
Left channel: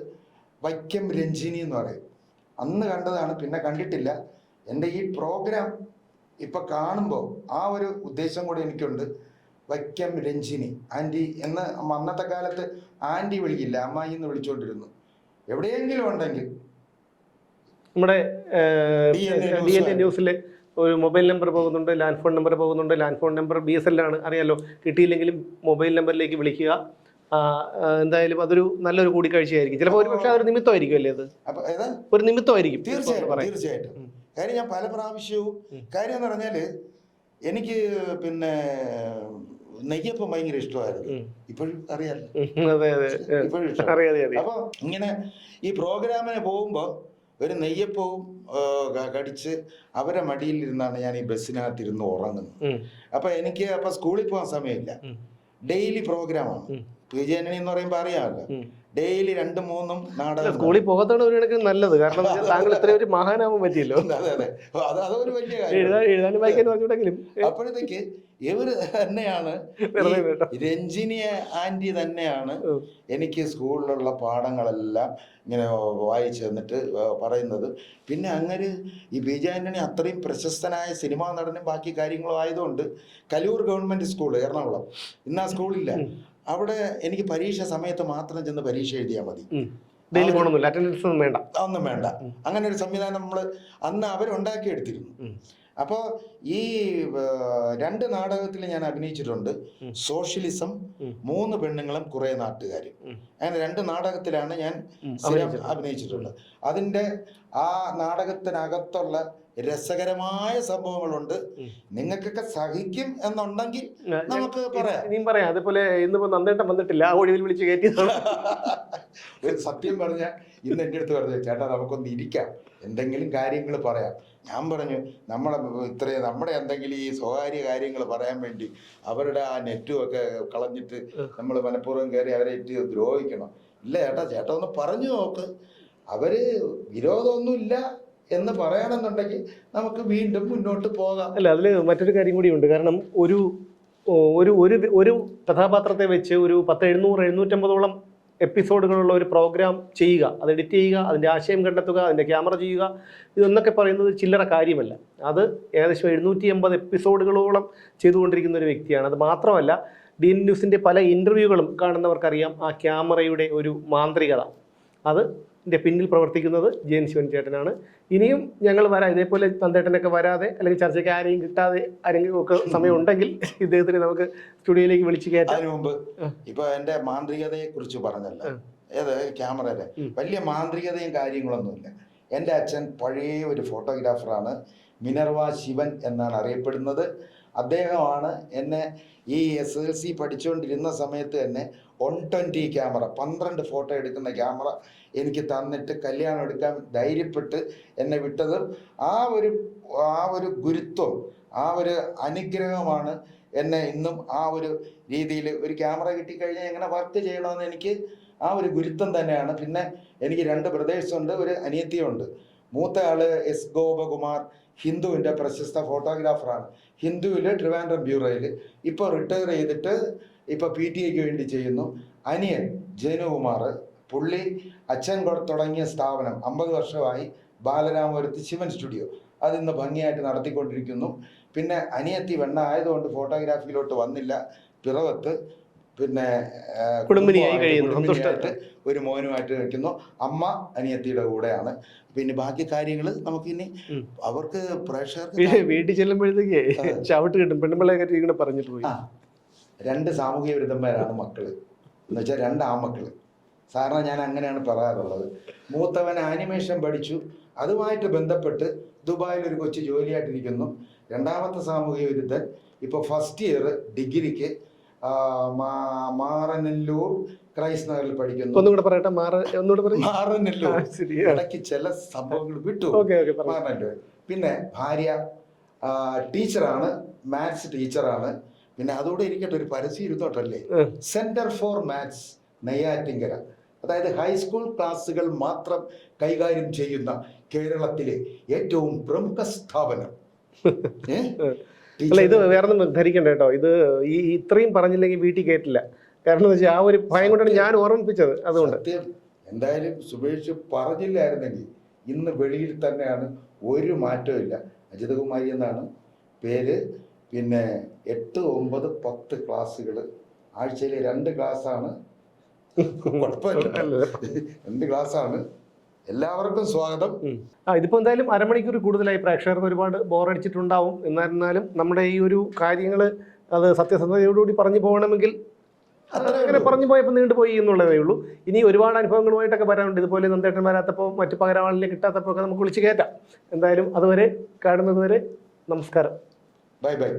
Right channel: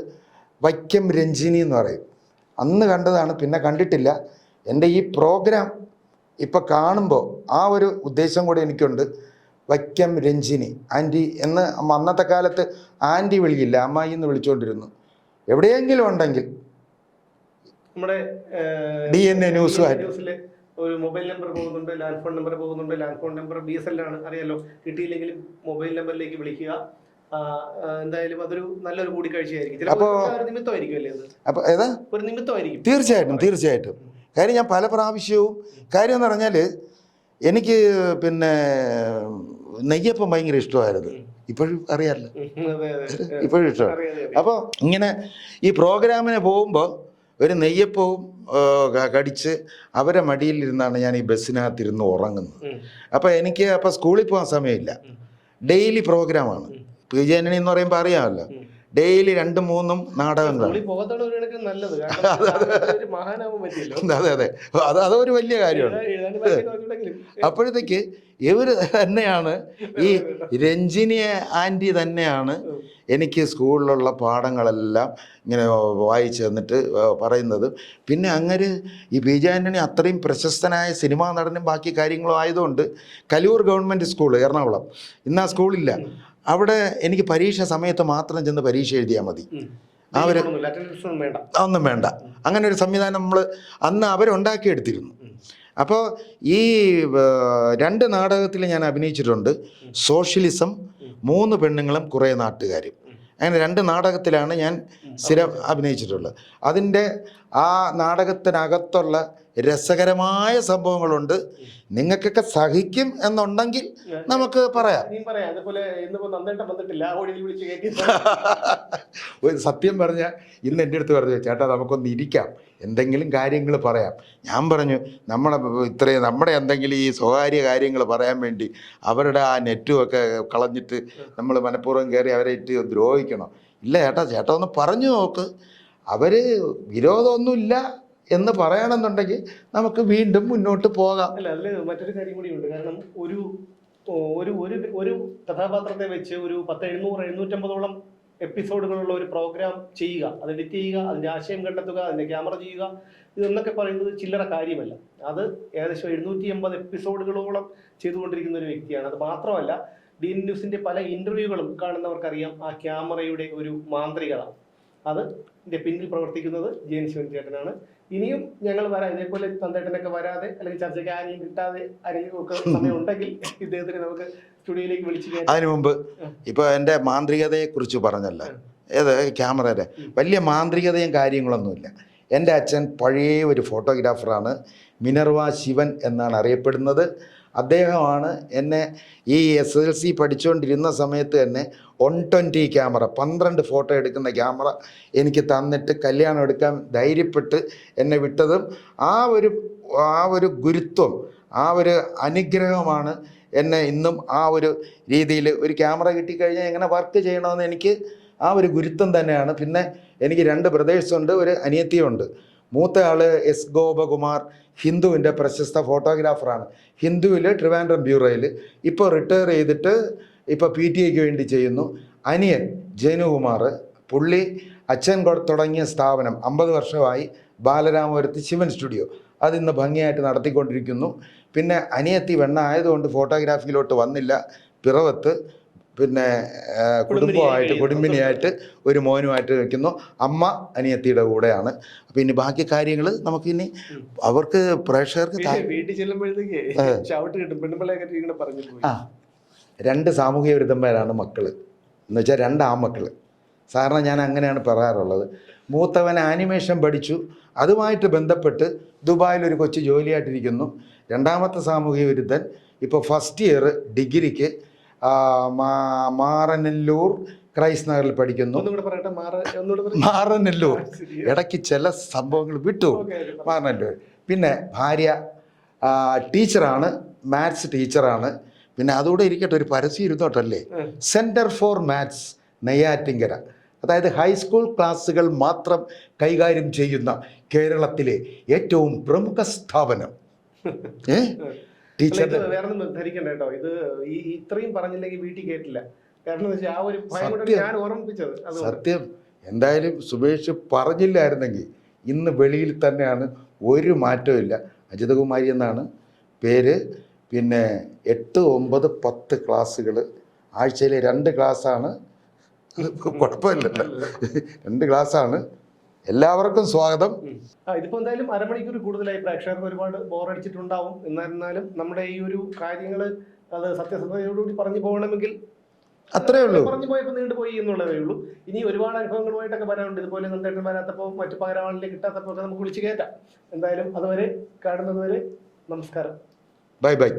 വൈക്കം രഞ്ജിനി എന്ന് പറയും. അന്ന് കണ്ടതാണ് പിന്നെ കണ്ടിട്ടില്ല. എന്റെ ഈ പ്രോഗ്രാം ഇപ്പം കാണുമ്പോൾ ആ ഒരു ഉദ്ദേശം കൂടെ എനിക്കുണ്ട്. വൈക്കം രഞ്ജിനി. ആന്റി എന്ന് അമ്മ അന്നത്തെ കാലത്ത് ആന്റി വിളിക്കില്ല അമ്മായി എന്ന് വിളിച്ചുകൊണ്ടിരുന്നു എവിടെയെങ്കിലും ഉണ്ടെങ്കിൽ നമ്മുടെ ഡി എൻ എ ന്യൂസ് ന്യൂസിലെ ഒരു മൊബൈൽ നമ്പർ പോകുന്നുണ്ട് ലാൻഡ് ഫോൺ നമ്പർ പോകുന്നുണ്ട് land phone number B S L ആണ്. അറിയാലോ കിട്ടിയില്ലെങ്കിലും മൊബൈൽ നമ്പറിലേക്ക് വിളിക്കുക. എന്തായാലും അതൊരു നല്ലൊരു കൂടിക്കാഴ്ചയായിരിക്കും. ചിലപ്പോൾ ഒരു നിമിത്തമായിരിക്കും അല്ലേ അത്? അപ്പൊ ഏതാ? ഒരു നിമിത്തമായിരിക്കും. തീർച്ചയായിട്ടും. തീർച്ചയായിട്ടും. കാര്യം ഞാൻ പല പ്രാവശ്യവും കാര്യം എന്ന് പറഞ്ഞാൽ എനിക്ക് പിന്നെ നെയ്യപ്പം ഭയങ്കര ഇഷ്ടമായിരുന്നു. ഇപ്പോഴും അറിയാമല്ലോ ഇപ്പോഴും ഇഷ്ടമാണ്. അറിയാം അപ്പോൾ ഇങ്ങനെ ഈ പ്രോഗ്രാമിന് പോകുമ്പോൾ ഒരു നെയ്യപ്പവും കടിച്ച് അവരെ മടിയിലിരുന്നാണ് ഞാൻ ഈ ബസ്സിനകത്തിരുന്ന് ഉറങ്ങുന്നത്. അപ്പോൾ എനിക്ക് അപ്പോൾ സ്കൂളിൽ പോകാൻ സമയമില്ല. ഡെയിലി പ്രോഗ്രാമാണ്. ആണ് പി ജെ എന്ന് പറയുമ്പോൾ അറിയാമല്ലോ. ഡെയിലി രണ്ടും മൂന്നും നാടകങ്ങൾ സ്കൂളിൽ പോകാത്തതാണ് ഒരു കണക്കിന് നല്ലത്. കാരണം ഒരു മഹാനാവാൻ പറ്റിയല്ലോ. അതെ അതെ അത്. അതൊരു വലിയ കാര്യമാണ്. അപ്പോഴത്തേക്ക് ഇവർ തന്നെയാണ് ഈ രഞ്ജിനിയെ ആന്റി തന്നെയാണ് എനിക്ക് സ്കൂളിലുള്ള പാഠങ്ങളെല്ലാം ഇങ്ങനെ വായിച്ചു തന്നിട്ട് പറയുന്നത്. പിന്നെ അങ്ങനെ ഈ ബി ജെ ആന്റണി അത്രയും പ്രശസ്തനായ സിനിമാ നടനും ബാക്കി കാര്യങ്ങളും ആയതുകൊണ്ട് കലൂർ ഗവൺമെന്റ് സ്കൂൾ എറണാകുളം. ഇന്ന് ആ സ്കൂളില്ല. അവിടെ എനിക്ക് പരീക്ഷ സമയത്ത് മാത്രം ചെന്ന് പരീക്ഷ എഴുതിയാൽ മതി. ഒന്നും വേണ്ട. അങ്ങനെ ഒരു സംവിധാനം നമ്മൾ അന്ന് അവരുണ്ടാക്കിയെടുത്തിരുന്നു. അപ്പോൾ ഈ രണ്ട് നാടകത്തിൽ ഞാൻ അഭിനയിച്ചിട്ടുണ്ട്. സോഷ്യലിസം മൂന്ന് പെണ്ണുങ്ങളും കുറേ നാട്ടുകാരും. അങ്ങനെ രണ്ട് നാടകത്തിലാണ് ഞാൻ. സ്ഥിരം അഭിനയിച്ചിട്ടുള്ളത്. അതിന്റെ ആ നാടകത്തിനകത്തുള്ള രസകരമായ സംഭവങ്ങളുണ്ട്. നിങ്ങൾക്കൊക്കെ സഹിക്കും എന്നുണ്ടെങ്കിൽ നമുക്ക് പറയാം. പറയാം. അതുപോലെ ഇന്നിപ്പോ നന്ദേട്ടൻ വന്നിട്ടില്ല. ആ ഒഴിവിൽ വിളിച്ച് കയറ്റി ഒരു സത്യം പറഞ്ഞാൽ ഇന്ന് എന്റെ അടുത്ത് പറഞ്ഞു ചേട്ടാ നമുക്കൊന്ന് ഇരിക്കാം. എന്തെങ്കിലും കാര്യങ്ങൾ പറയാം. ഞാൻ പറഞ്ഞു നമ്മളെ ഇത്രയും നമ്മുടെ എന്തെങ്കിലും ഈ സ്വകാര്യ കാര്യങ്ങൾ പറയാൻ വേണ്ടി അവരുടെ ആ നെറ്റും ഒക്കെ കളഞ്ഞിട്ട് നമ്മൾ മനഃപൂർവം കയറി അവരെ ഇട്ട് ദ്രോഹിക്കണം. ഇല്ല ചേട്ടാ ചേട്ടാ ഒന്ന് പറഞ്ഞു നോക്ക്. അവർ വിരോധമൊന്നുമില്ല എന്ന് പറയണമെന്നുണ്ടെങ്കിൽ നമുക്ക് വീണ്ടും മുന്നോട്ട് പോകാം. അല്ല അതിൽ മറ്റൊരു കാര്യം കൂടിയുണ്ട് കാരണം ഒരു ഒരു ഒരു ഒരു കഥാപാത്രത്തെ വെച്ച് ഒരു പത്ത് എഴുന്നൂറ് എഴുന്നൂറ്റമ്പതോളം എപ്പിസോഡുകളുള്ള ഒരു പ്രോഗ്രാം ചെയ്യുക. അത് എഡിറ്റ് ചെയ്യുക അതിന്റെ ആശയം കണ്ടെത്തുക അതിന്റെ ക്യാമറ ചെയ്യുക. ഇതെന്നൊക്കെ പറയുന്നത് ചില്ലറ കാര്യമല്ല. അത് ഏകദേശം എഴുന്നൂറ്റി എൺപത് എപ്പിസോഡുകളോളം ചെയ്തുകൊണ്ടിരിക്കുന്ന ഒരു വ്യക്തിയാണ്. അത് മാത്രമല്ല ഡി എൻ ന്യൂസിന്റെ പല ഇന്റർവ്യൂകളും കാണുന്നവർക്കറിയാം ആ ക്യാമറയുടെ ഒരു മാന്ത്രികത. അത് പിന്നിൽ പ്രവർത്തിക്കുന്നത് ജയൻ ശിവൻ ചേട്ടനാണ് ഇനിയും ഞങ്ങൾ വരാം. ഇതേപോലെ തന്തേട്ടനൊക്കെ വരാതെ അല്ലെങ്കിൽ ചർച്ചയ്ക്ക് ആരെയും കിട്ടാതെ ആരെങ്കിലും ഒക്കെ സമയം ഉണ്ടെങ്കിൽ ഇദ്ദേഹത്തിന് നമുക്ക് സ്റ്റുഡിയോയിലേക്ക് വിളിച്ചു കയറ്റാം. അതിനു മുമ്പ് ഇപ്പൊ എന്റെ മാന്ത്രികതയെ കുറിച്ച് പറഞ്ഞല്ലോ ഏത് ക്യാമറയുടെ? വലിയ മാന്ത്രികതയും കാര്യങ്ങളൊന്നുമില്ല. എന്റെ അച്ഛൻ പഴയ ഒരു ഫോട്ടോഗ്രാഫറാണ്. മിനർവ ശിവൻ എന്നാണ് അറിയപ്പെടുന്നത്. അദ്ദേഹമാണ് എന്നെ ഈ എസ് എൽ സി പഠിച്ചുകൊണ്ടിരുന്ന സമയത്ത് തന്നെ വൺ ട്വന്റി ക്യാമറ പന്ത്രണ്ട് ഫോട്ടോ എടുക്കുന്ന ക്യാമറ എനിക്ക് തന്നിട്ട് കല്യാണം എടുക്കാൻ ധൈര്യപ്പെട്ട് എന്നെ വിട്ടതും ആ ഒരു ആ ഒരു ഗുരുത്വം ആ ഒരു അനുഗ്രഹമാണ് എന്നെ ഇന്നും ആ ഒരു രീതിയിൽ ഒരു ക്യാമറ കിട്ടിക്കഴിഞ്ഞാൽ എങ്ങനെ വർക്ക് ചെയ്യണമെന്ന് എനിക്ക് ആ ഒരു ഗുരുത്വം തന്നെയാണ്. പിന്നെ എനിക്ക് രണ്ട് ബ്രദേഴ്സുണ്ട് ഒരു അനിയത്തിയുണ്ട് മൂത്ത ആൾ എസ് ഗോപകുമാർ ഹിന്ദുവിന്റെ പ്രശസ്ത ഫോട്ടോഗ്രാഫറാണ്. ഹിന്ദുവിൽ ട്രിവാൻഡ്രം ബ്യൂറോയിൽ ഇപ്പോൾ റിട്ടയർ ചെയ്തിട്ട് ഇപ്പോൾ പി ടി എക്ക് വേണ്ടി ചെയ്യുന്നു. അനിയൻ ജനുകുമാർ പുള്ളി അച്ഛൻ തുടങ്ങിയ സ്ഥാപനം അമ്പത് വർഷമായി ബാലരാമപുരത്ത് ശിവൻ സ്റ്റുഡിയോ. അതിന്ന് ഭംഗിയായിട്ട് നടത്തിക്കൊണ്ടിരിക്കുന്നു. പിന്നെ അനിയത്തി വെണ്ണ ആയതുകൊണ്ട് ഫോട്ടോഗ്രാഫിയിലോട്ട് വന്നില്ല. പിറവത്ത് പിന്നെ കുടുംബമായിട്ട് കുടുംബിനിയായിട്ട് ഒരു മോനുമായിട്ട് വയ്ക്കുന്നു അമ്മ അനിയത്തിയുടെ കൂടെയാണ്. പിന്നെ ബാക്കി കാര്യങ്ങൾ നമുക്ക് ഇനി അവർക്ക് പ്രേക്ഷകർക്ക് വീട്ടിൽ ചെല്ലുമ്പോഴത്തേക്ക് ചവിട്ട് കിട്ടും. ഇങ്ങനെ പോയി. ആ. രണ്ട് സാമൂഹിക വിരുദ്ധന്മാരാണ് മക്കൾ. എന്ന് വെച്ചാൽ രണ്ട് ആമക്കൾ സാധാരണ ഞാൻ അങ്ങനെയാണ് പറയാറുള്ളത്. മൂത്തവൻ ആനിമേഷൻ പഠിച്ചു. അതുമായിട്ട് ബന്ധപ്പെട്ട് ദുബായിൽ ഒരു കൊച്ചു ജോലിയായിട്ടിരിക്കുന്നു. രണ്ടാമത്തെ സാമൂഹിക വിരുദ്ധൻ ഇപ്പോൾ ഫസ്റ്റ് ഇയർ ഡിഗ്രിക്ക് മാറനല്ലൂർ ക്രൈസ്റ്റ് നഗറിൽ പഠിക്കുന്നു. മാറനല്ലൂർ. ഇടയ്ക്ക് ചില സംഭവങ്ങൾ വിട്ടു. മാറനല്ലൂർ. പിന്നെ ഭാര്യ ടീച്ചറാണ് മാത്സ് ടീച്ചറാണ്. പിന്നെ അതുകൂടെ ഇരിക്കട്ടെ ഒരു പരസ്യം ഇരുന്നോട്ടല്ലേ? Centre for maths Neyyattinkara. അതായത് ഹൈസ്കൂൾ ക്ലാസ്സുകൾ മാത്രം കൈകാര്യം ചെയ്യുന്ന കേരളത്തിലെ ഏറ്റവും പ്രമുഖ സ്ഥാപനം. ഏ? ഇത് വേറെ ധരിക്കണ്ട കേട്ടോ. ഇത് ഈ ഇത്രയും പറഞ്ഞില്ലെങ്കിൽ വീട്ടിൽ കേട്ടില്ല കാരണം എന്ന് വെച്ചാൽ ആ ഒരു ഭയം കൊണ്ടാണ് ഞാൻ ഓർമ്മിപ്പിച്ചത് അതുകൊണ്ട്. സത്യം. എന്തായാലും സുബേഷ് പറഞ്ഞില്ലായിരുന്നെങ്കിൽ ഇന്ന് വെളിയിൽ തന്നെയാണ് ഒരു മാറ്റവും ഇല്ല. അജിതകുമാരി എന്നാണ് പേര്. പിന്നെ എട്ട് ഒമ്പത് പത്ത് ക്ലാസ്സുകൾ. ആഴ്ചയിലെ രണ്ട് ക്ലാസ്സാണ്. കുഴപ്പമില്ല. രണ്ട് ക്ലാസ്സാണ്. എല്ലാവർക്കും സ്വാഗതം. ആ ഇതിപ്പോ എന്തായാലും അരമണിക്കൂർ കൂടുതലായി. പ്രേക്ഷകർക്ക് ഒരുപാട് ബോറടിച്ചിട്ടുണ്ടാവും. എന്നിരുന്നാലും നമ്മുടെ ഈ ഒരു കാര്യങ്ങൾ അത് സത്യസന്ധതയോടുകൂടി പറഞ്ഞു പോകണമെങ്കിൽ അത്രേ ഉള്ളൂ. പറഞ്ഞു പോയപ്പോൾ നീണ്ടുപോയി എന്നുള്ളതേ ഉള്ളൂ. ഇനി ഒരുപാട് അനുഭവങ്ങളുമായിട്ടൊക്കെ വരാനുണ്ട്. ഇതുപോലെ നന്ദേട്ടൻ വരാത്തപ്പോൾ മറ്റു പകരമാളിനെ കിട്ടാത്തപ്പോൾ ഒക്കെ നമുക്ക് വിളിച്ച് കയറ്റാം എന്തായാലും അതുവരെ കാണുന്നതുവരെ നമസ്കാരം. Bye bye.